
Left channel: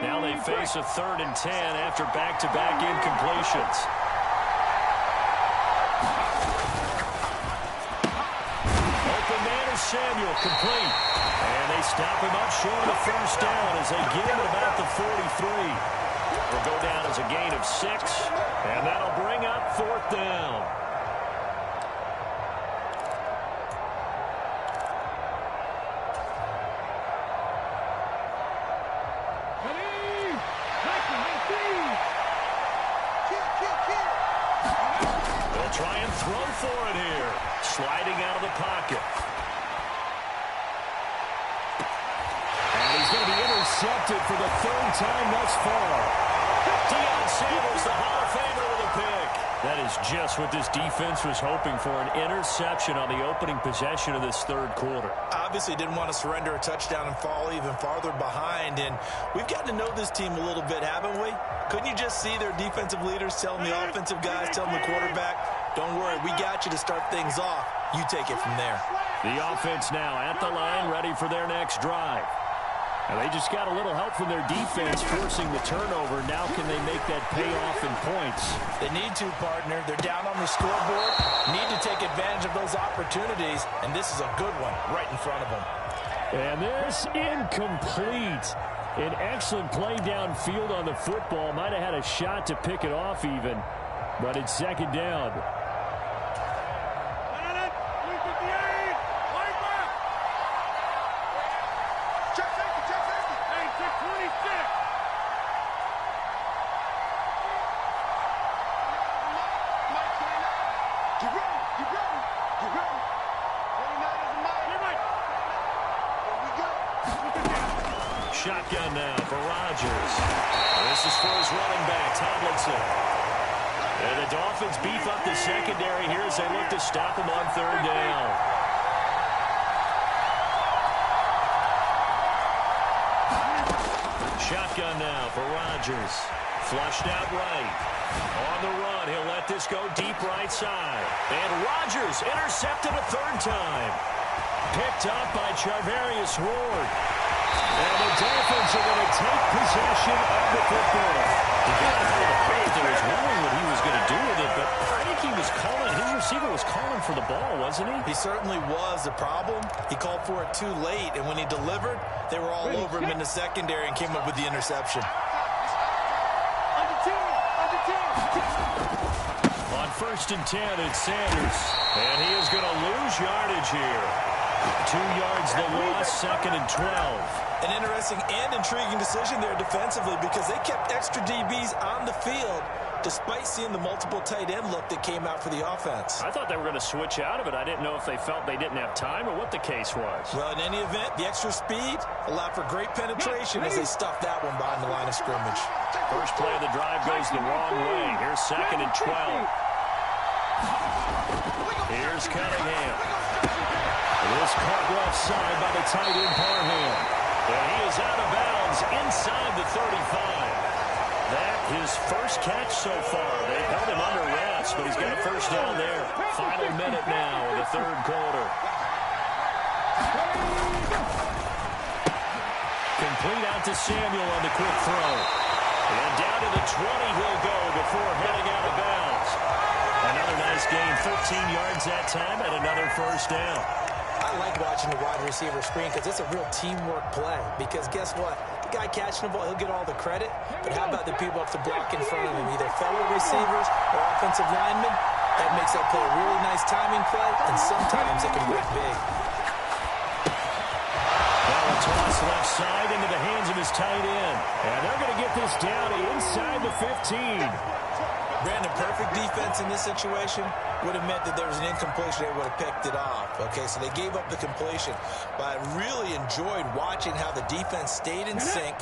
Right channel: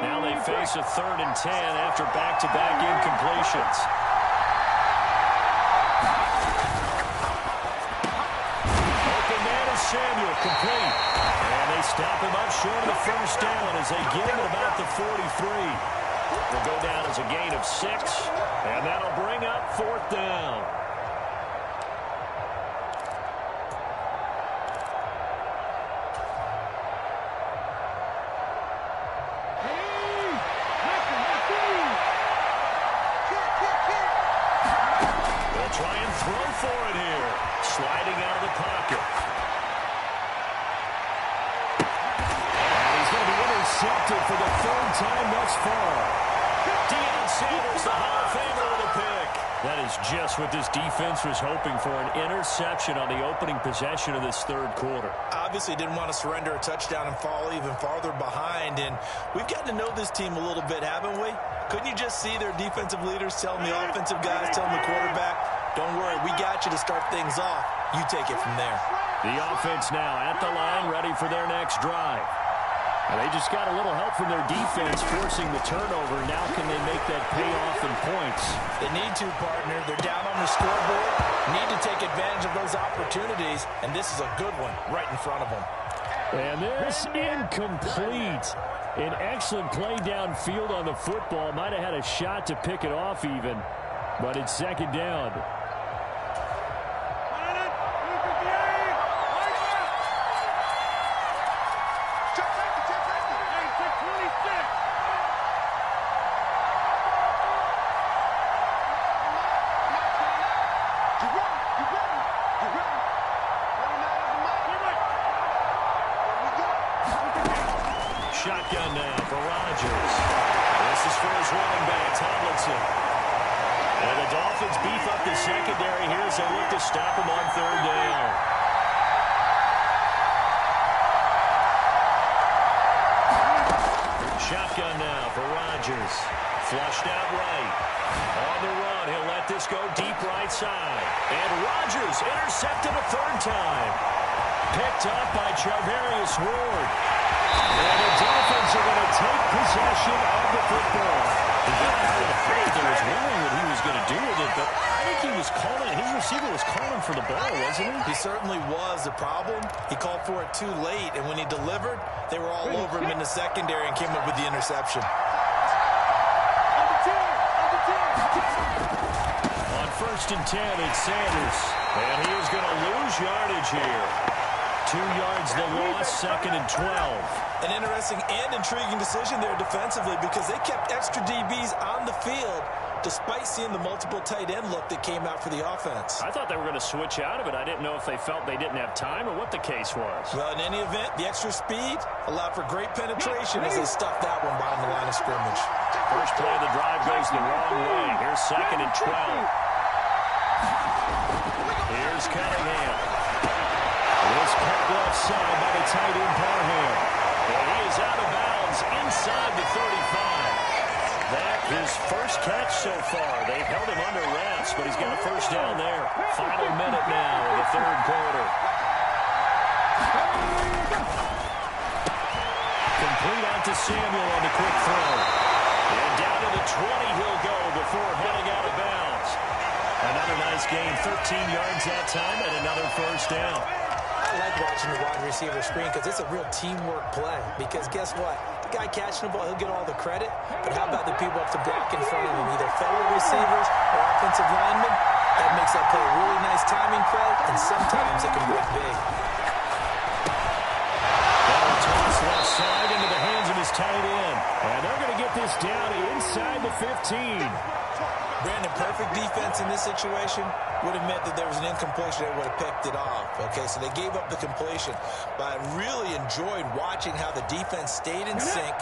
Now they face a 3rd and 10 after back-to-back incompletions. Open man is Samuel, complete. And they stop him up short of the first down as they get him at about the 43. Will go down as a gain of 6, and that'll bring up 4th down. They'll try and throw for it here. Sliding out of the pocket. And he's going to be intercepted for the 3rd time thus far. Deion Sanders, the Hall of Famer, with a pick. That is just what this defense was hoping for, an interception on the opening possession of this 3rd quarter. Obviously didn't want to surrender a touchdown and fall even farther behind. And we've gotten to know this team a little bit, haven't we? Couldn't you just see their defensive leaders telling the offensive guys, telling the quarterback, don't worry, we got you to start things off. You take it from there. The offense now at the line, ready for their next drive. And they just got a little help from their defense forcing the turnover. Now can they make that pay off in points? They need to, partner. They're down on the scoreboard. Need to take advantage of those opportunities. And this is a good one right in front of them. And this incomplete. An excellent play downfield on the football. Might have had a shot to pick it off even. But it's 2nd down. Shotgun now for Rodgers. This is for his running back, Tomlinson. And the Dolphins beef up the secondary here as they look to stop him on 3rd down. Shotgun now for Rodgers. Flushed out right. On the run, he'll let this go deep right side. And Rodgers intercepted a 3rd time. Picked up by Charvarius Ward. And the Dolphins Eagles are going to take possession of the football. He got out of the plate there, was wondering what he was going to do with it, but I think he was calling, his receiver was calling for the ball, wasn't he? He certainly was. The problem, he called for it too late, and when he delivered, they were all over him in the secondary and came up with the interception. On 1st and 10, it's Sanders, and he is going to lose yardage here. 2 yards the loss, 2nd and 12. An interesting and intriguing decision there defensively because they kept extra DBs on the field despite seeing the multiple tight end look that came out for the offense. I thought they were going to switch out of it. I didn't know if they felt they didn't have time or what the case was. Well, in any event, the extra speed allowed for great penetration as they stuffed that one behind the line of scrimmage. First play of the drive goes the wrong way. Here's 2nd and 12. Here's Cunningham. This caught left side by the tight end Parham. And he is out of bounds inside the 35. That his first catch so far. They've held him under wraps, but he's got a first down there. Final minute now of the 3rd quarter. Complete out to Samuel on the quick throw. And down to the 20 he'll go before heading out of bounds. Another nice gain, 13 yards that time, and another first down. I like watching the wide receiver screen because it's a real teamwork play. Because guess what? The guy catching the ball, he'll get all the credit. But how about the people up to block in front of him, either fellow receivers or offensive linemen? That makes that play a really nice timing play, and sometimes it can break big. Now a toss left side into the hands of his tight end. And they're going to get this down inside the 15. Brandon, perfect defense in this situation would have meant that there was an incompletion. They would have picked it off. Okay, so they gave up the completion. But I really enjoyed watching how the defense stayed in sync,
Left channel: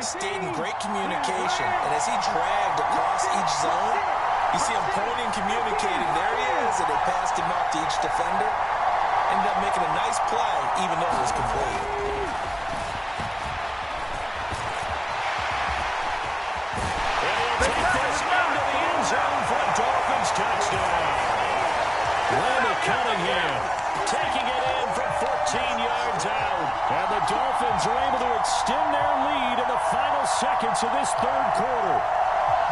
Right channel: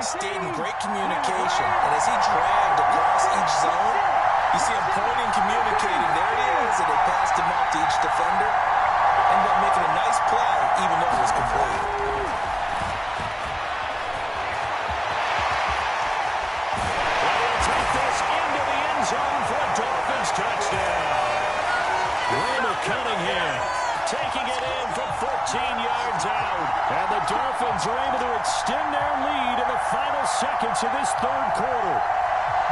stayed in great communication. And as he dragged across each zone, you see him pointing, communicating. There he is, and they passed him off to each defender. Ended up making a nice play, even though it was complete. Zone for a Dolphins touchdown. Randall Cunningham taking it in from 14 yards out. And the Dolphins are able to extend their lead in the final seconds of this 3rd quarter.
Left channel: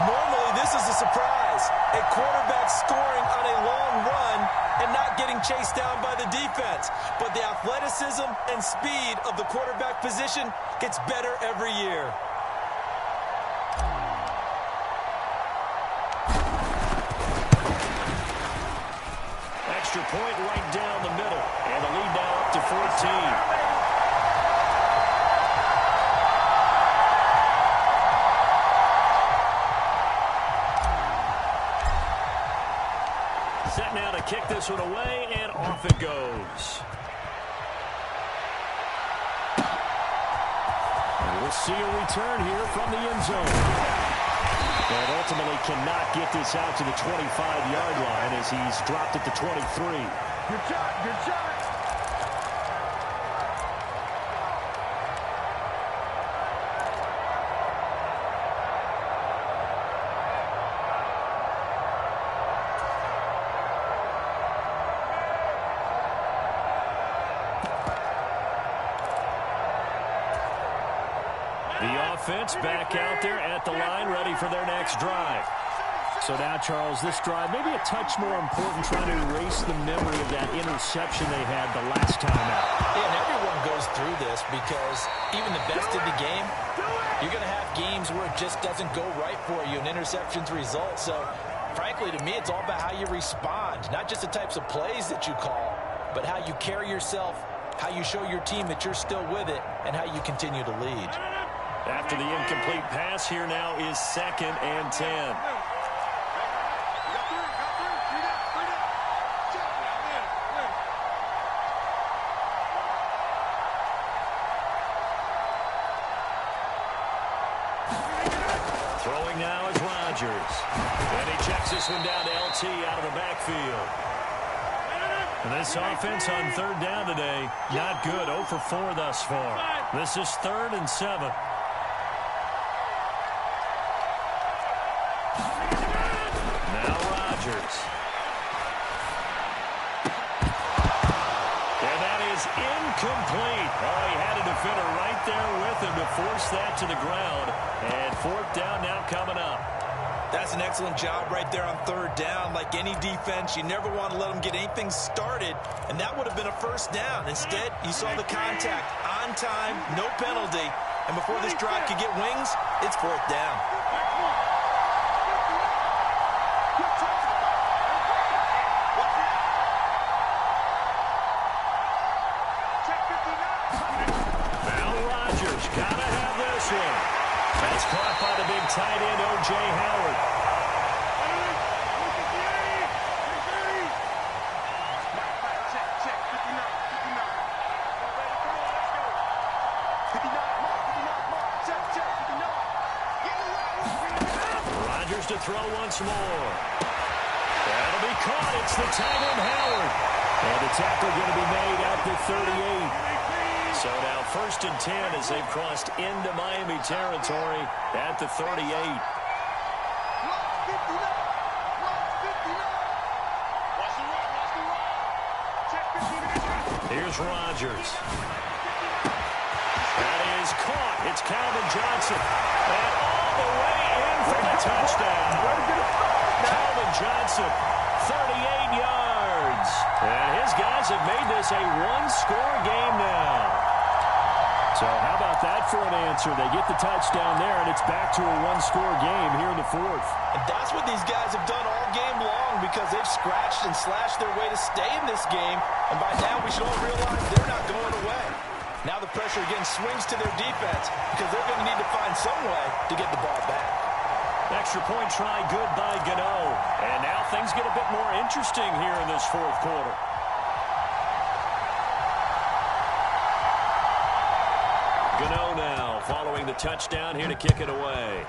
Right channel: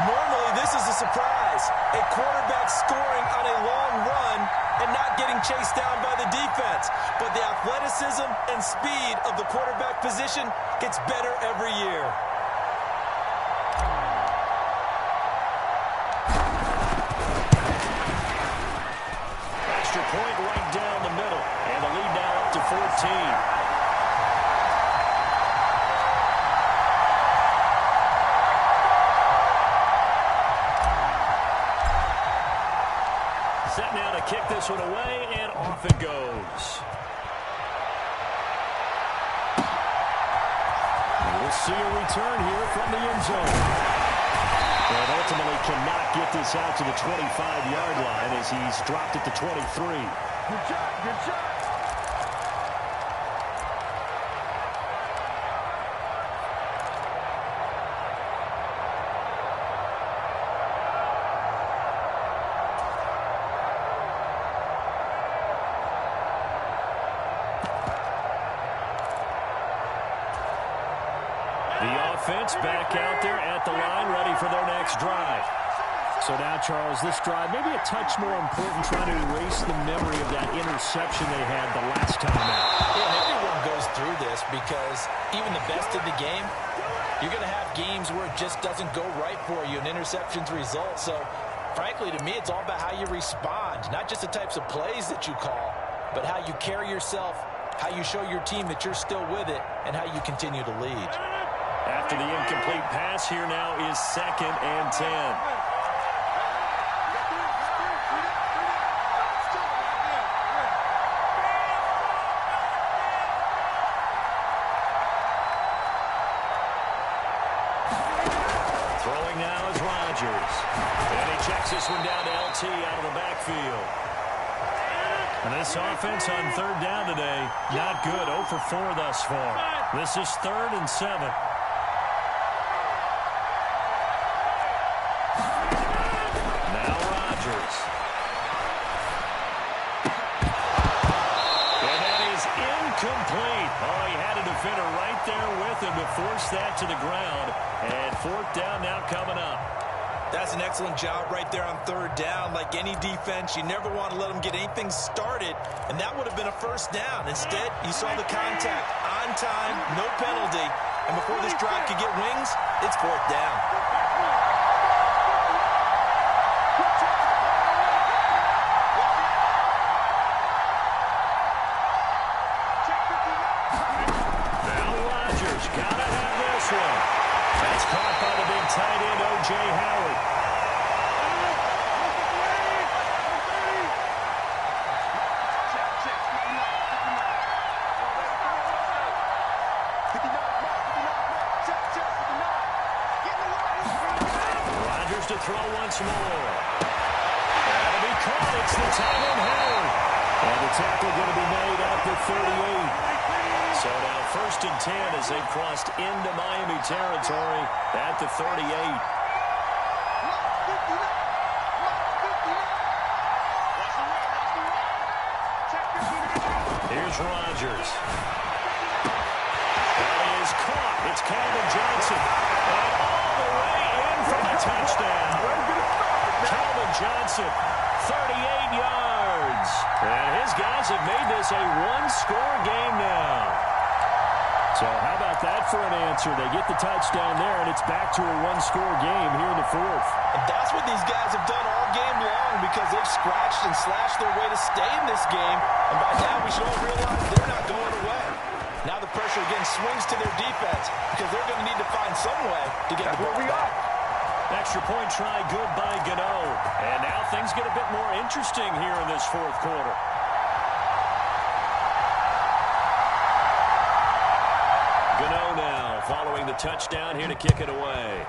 Normally, this is a surprise. A quarterback scoring on a long run and not getting chased down by the defense. But the athleticism and speed of the quarterback position gets better every year. Extra point right down the middle. And the lead now up to 14. Set now to kick this one away, and off it goes. And we'll see a return here from the end zone. And ultimately cannot get this out to the 25-yard line as he's dropped at the 23. Good shot, good shot. The offense back out there at the line, ready for their next drive. So now, Charles, this drive maybe a touch more important, trying to erase the memory of that interception they had the last time out. Yeah, and everyone goes through this because even the best in the game, you're going to have games where it just doesn't go right for you, and interceptions result. So, frankly, to me, it's all about how you respond, not just the types of plays that you call, but how you carry yourself, how you show your team that you're still with it, and how you continue to lead. After the incomplete pass, here now is 2nd and 10. Throwing now is Rodgers. And he checks this one down to LT out of the backfield. And this offense on 3rd down today, not good. 0 for 4 thus far. This is 3rd and 7. Now Rodgers. And that is incomplete. Oh, he had a defender right there with him to force that to the ground. And fourth down now coming up. That's an excellent job right there on third down. Like any defense, you never want to let them get anything started, and that would have been a first down. Instead, you saw the contact on time, no penalty, and before this drive could get wings, it's fourth down. Now Rodgers gotta have this one. That's caught by the big tight end, O.J. Howard. Rodgers to throw once more. That'll be caught. It's the tight end, Howard. And the tackle going to be made at the 38. So now first and 10 as they've crossed into Miami territory at the 38. Here's Rodgers. That is caught. It's Calvin Johnson. And all the way in for the touchdown. Calvin Johnson, 38 yards. And his guys have made this a one-score game now. So how about that for an answer? They get the touchdown there, and it's back to a one-score game here in the fourth. And that's what these guys have done all game long because they've scratched and slashed their way to stay in this game. And by now, we should all realize they're not going away. Now the pressure again swings to their defense because they're going to need to find some way to get the ball back. Extra point try good by Gano. And now things get a bit more interesting here in this fourth quarter. Gano now following the touchdown here to kick it away.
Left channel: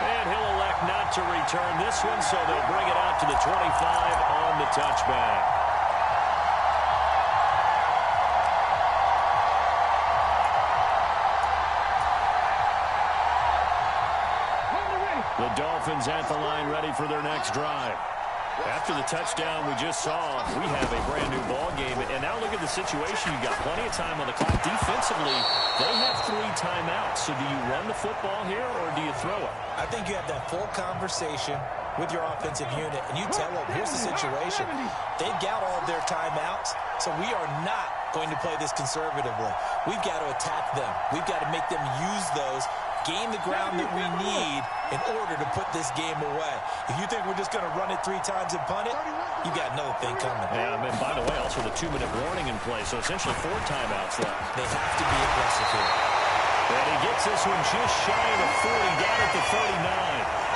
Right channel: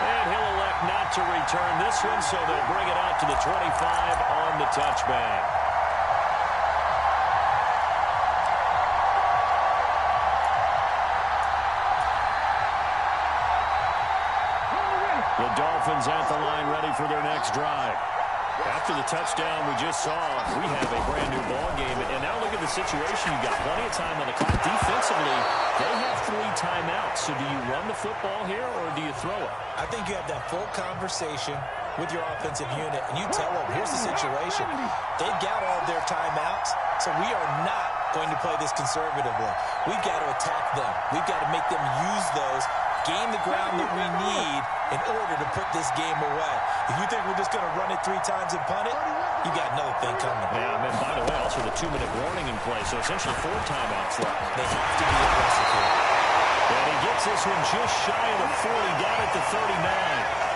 And he'll elect not to return this one, so they'll bring it out to the 25 on the touchback. The Dolphins at the line ready for their next drive. After the touchdown we just saw, we have a brand-new ball game. And now look at the situation. You've got plenty of time on the clock. Defensively, they have 3 timeouts. So do you run the football here or do you throw it? I think you have that full conversation with your offensive unit, and you tell them, here's the situation. They've got all of their timeouts, so we are not going to play this conservatively. We've got to attack them. We've got to make them use those, gain the ground that we need in order to put this game away. If you think we're just going to run it 3 times and punt it, you got another thing coming. Yeah, and by the way, also the 2-minute warning in play, so essentially 4 timeouts left. They have to be aggressive here. And he gets this one just shy of the 40, down at the 39.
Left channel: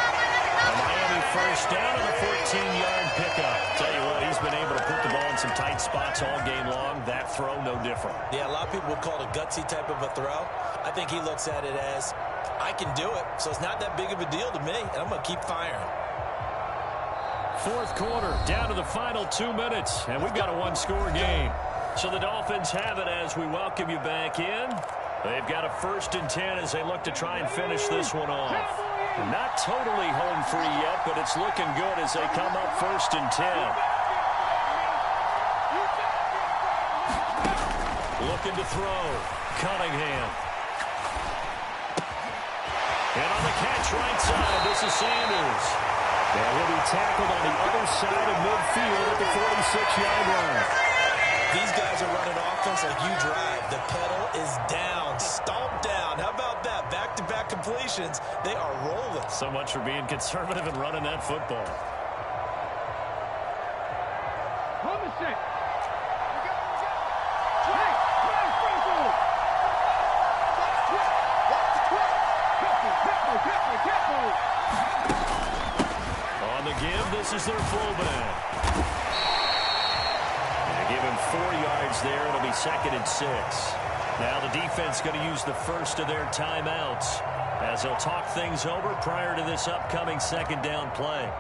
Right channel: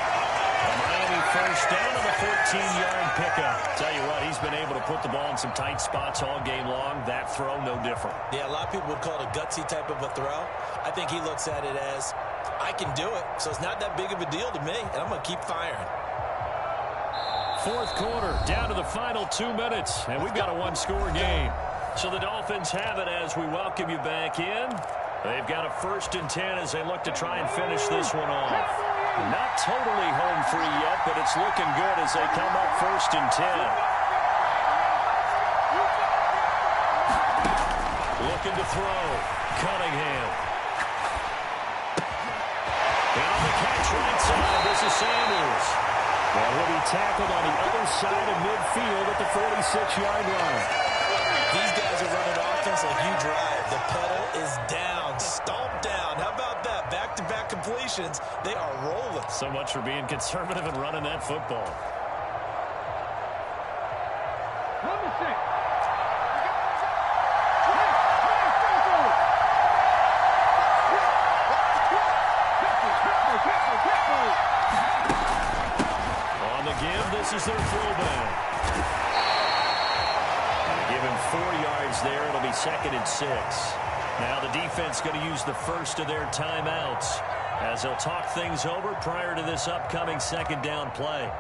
A Miami first down on the 14-yard pickup. Tell you what, he's been able to put the ball in some tight spots all game long. That throw, no different. Yeah, a lot of people would call it a gutsy type of a throw. I think he looks at it as, I can do it, so it's not that big of a deal to me, and I'm going to keep firing. Fourth quarter, down to the final 2 minutes, and we've got a one-score game. So the Dolphins have it as we welcome you back in. They've got a 1st and 10 as they look to try and finish this one off. Not totally home free yet, but it's looking good as they come up 1st and 10. Looking to throw. Cunningham. And on the catch right side, this is Sanders. And he'll be tackled on the other side of midfield at the 46-yard line. These guys are running offense like you drive. The pedal is down, stomped down. How about that? Back-to-back completions. They are rolling. So much for being conservative and running that football. Run the stick. On the give, this is their fullback. Give him 4 yards there. It'll be 2nd and 6. Now the defense going to use the first of their timeouts as they'll talk things over prior to this upcoming 2nd down play.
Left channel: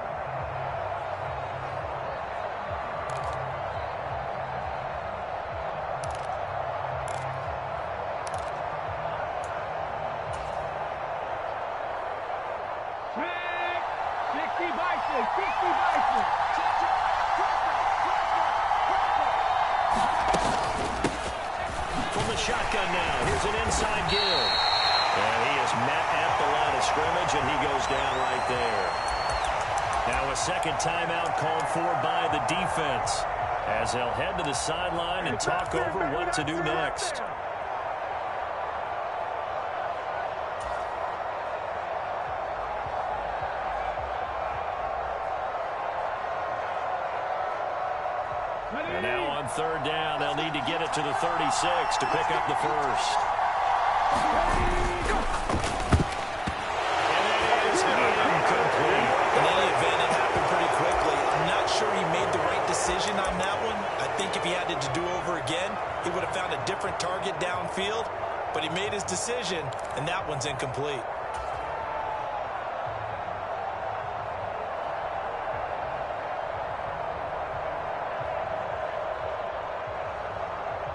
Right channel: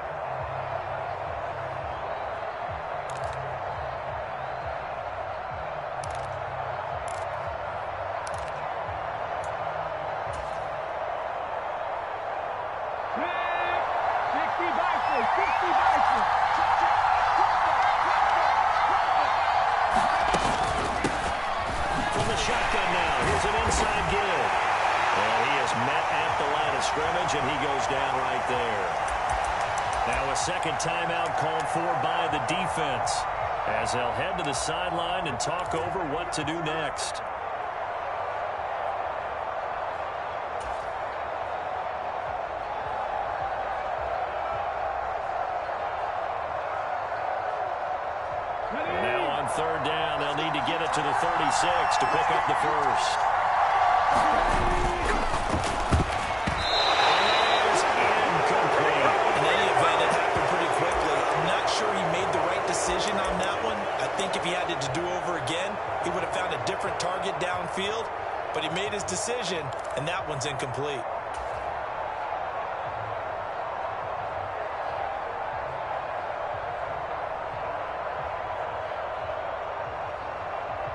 Track 60 by a 60 bison. From the shotgun now, here's an inside give. And he is met at the line of scrimmage, and he goes down right there. Now a second timeout called for by the defense, as they'll head to the sideline and talk over what to do next. And now on third down, they'll need to get it to the 36 to pick up the first. And that is incomplete. In any event, it happened pretty quickly. I'm not sure he made the right decision on that one. I think if he had it to do over again, he would have found a different target downfield. But he made his decision, and that one's incomplete.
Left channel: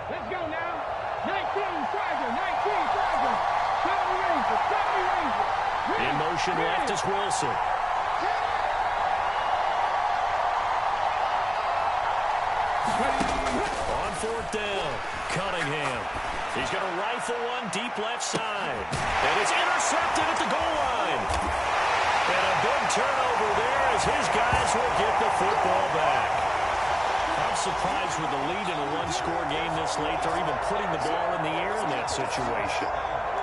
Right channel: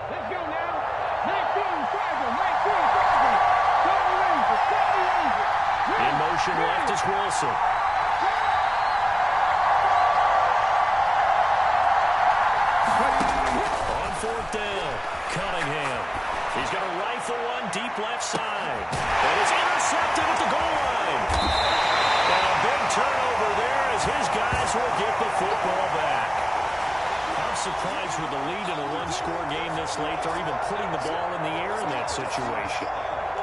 Let's go now. 19 Tiger, 19 Tiger. 70 Rangers, 70 Rangers. In motion left is Wilson. On fourth down, Cunningham. He's going to rifle one deep left side. And it's intercepted at the goal line. And a big turnover there as his guys will get the football back. I'm surprised with the lead in a one-score game this late. They're even putting the ball in the air in that situation.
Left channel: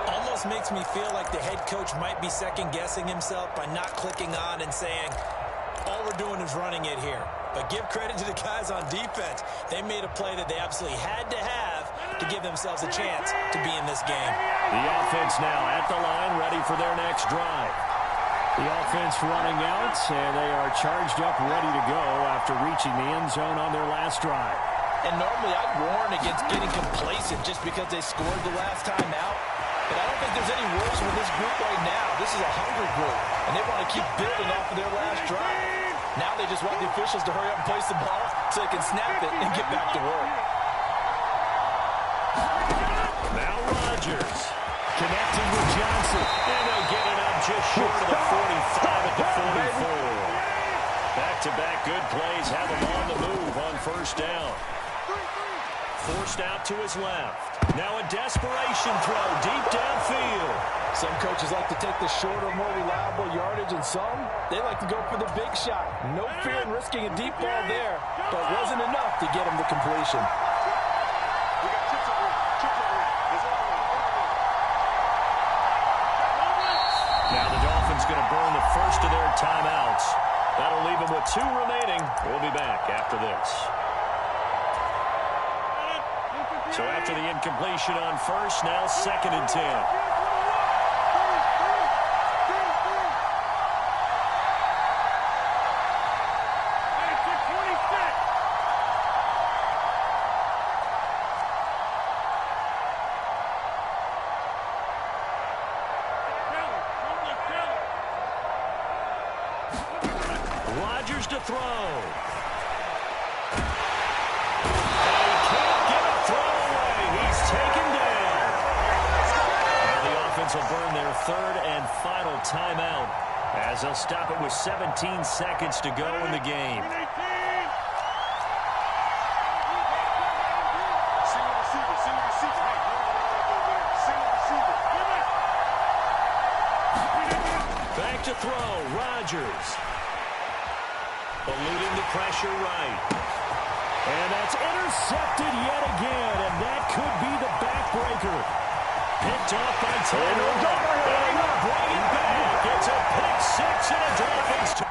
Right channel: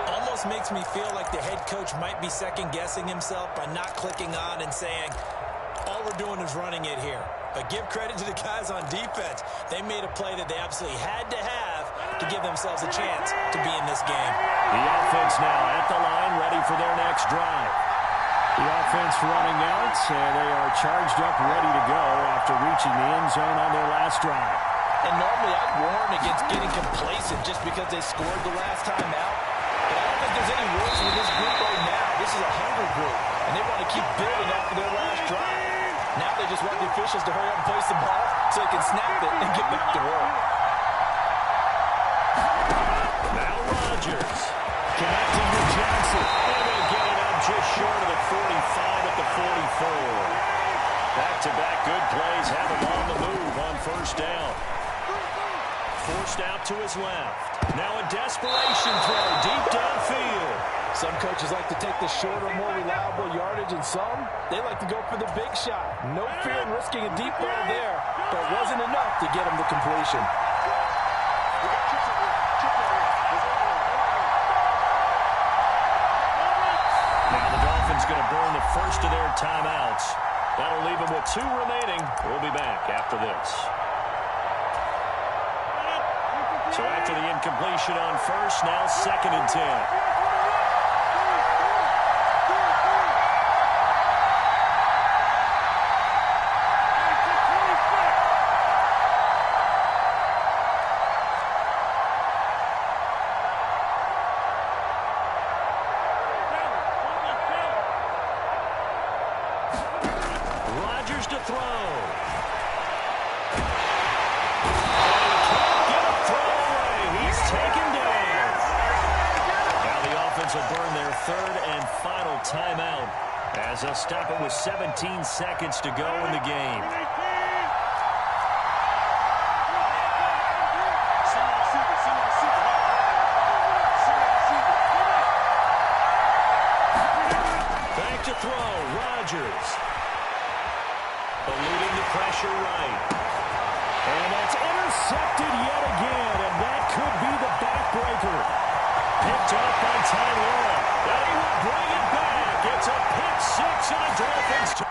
Almost makes me feel like the head coach might be second-guessing himself by not clicking on and saying, all we're doing is running it here. But give credit to the guys on defense. They made a play that they absolutely had to have to give themselves a chance to be in this game. The offense now at the line, ready for their next drive. The offense running out, and they are charged up, ready to go after reaching the end zone on their last drive. And normally I'd warn against getting complacent just because they scored the last time out. But I don't think there's any worse with this group right now. This is a hungry group, and they want to keep building off of their last drive. Now they just want the officials to hurry up and place the ball so they can snap it and get back to work. Now Rodgers connecting with Johnson, and they'll get it up just short of the 45 at the 44. Back-to-back good plays have him on the move on first down. Forced out to his left. Now a desperation throw deep downfield. Some coaches like to take the shorter, more reliable yardage, and some, they like to go for the big shot. No fear in risking a deep ball there, but it wasn't enough to get him the completion. We got chips over here. Chips over here. There's overload. Now the Dolphins going to burn the first of their timeouts. That'll leave them with 2 remaining. We'll be back after this. So after the incompletion on first, now 2nd and 10. Rodgers to throw. And he can't get a throw away. He's taken down. Now the offense will burn their 3rd and final timeout as they'll stop it with 17 seconds to go in the game. Back to throw, Rodgers. Eluding the pressure right. And that's intercepted yet again, and that could be the backbreaker. Picked off by Tyrell. And he will bring it back. It's a pick 6 and a Dolphins.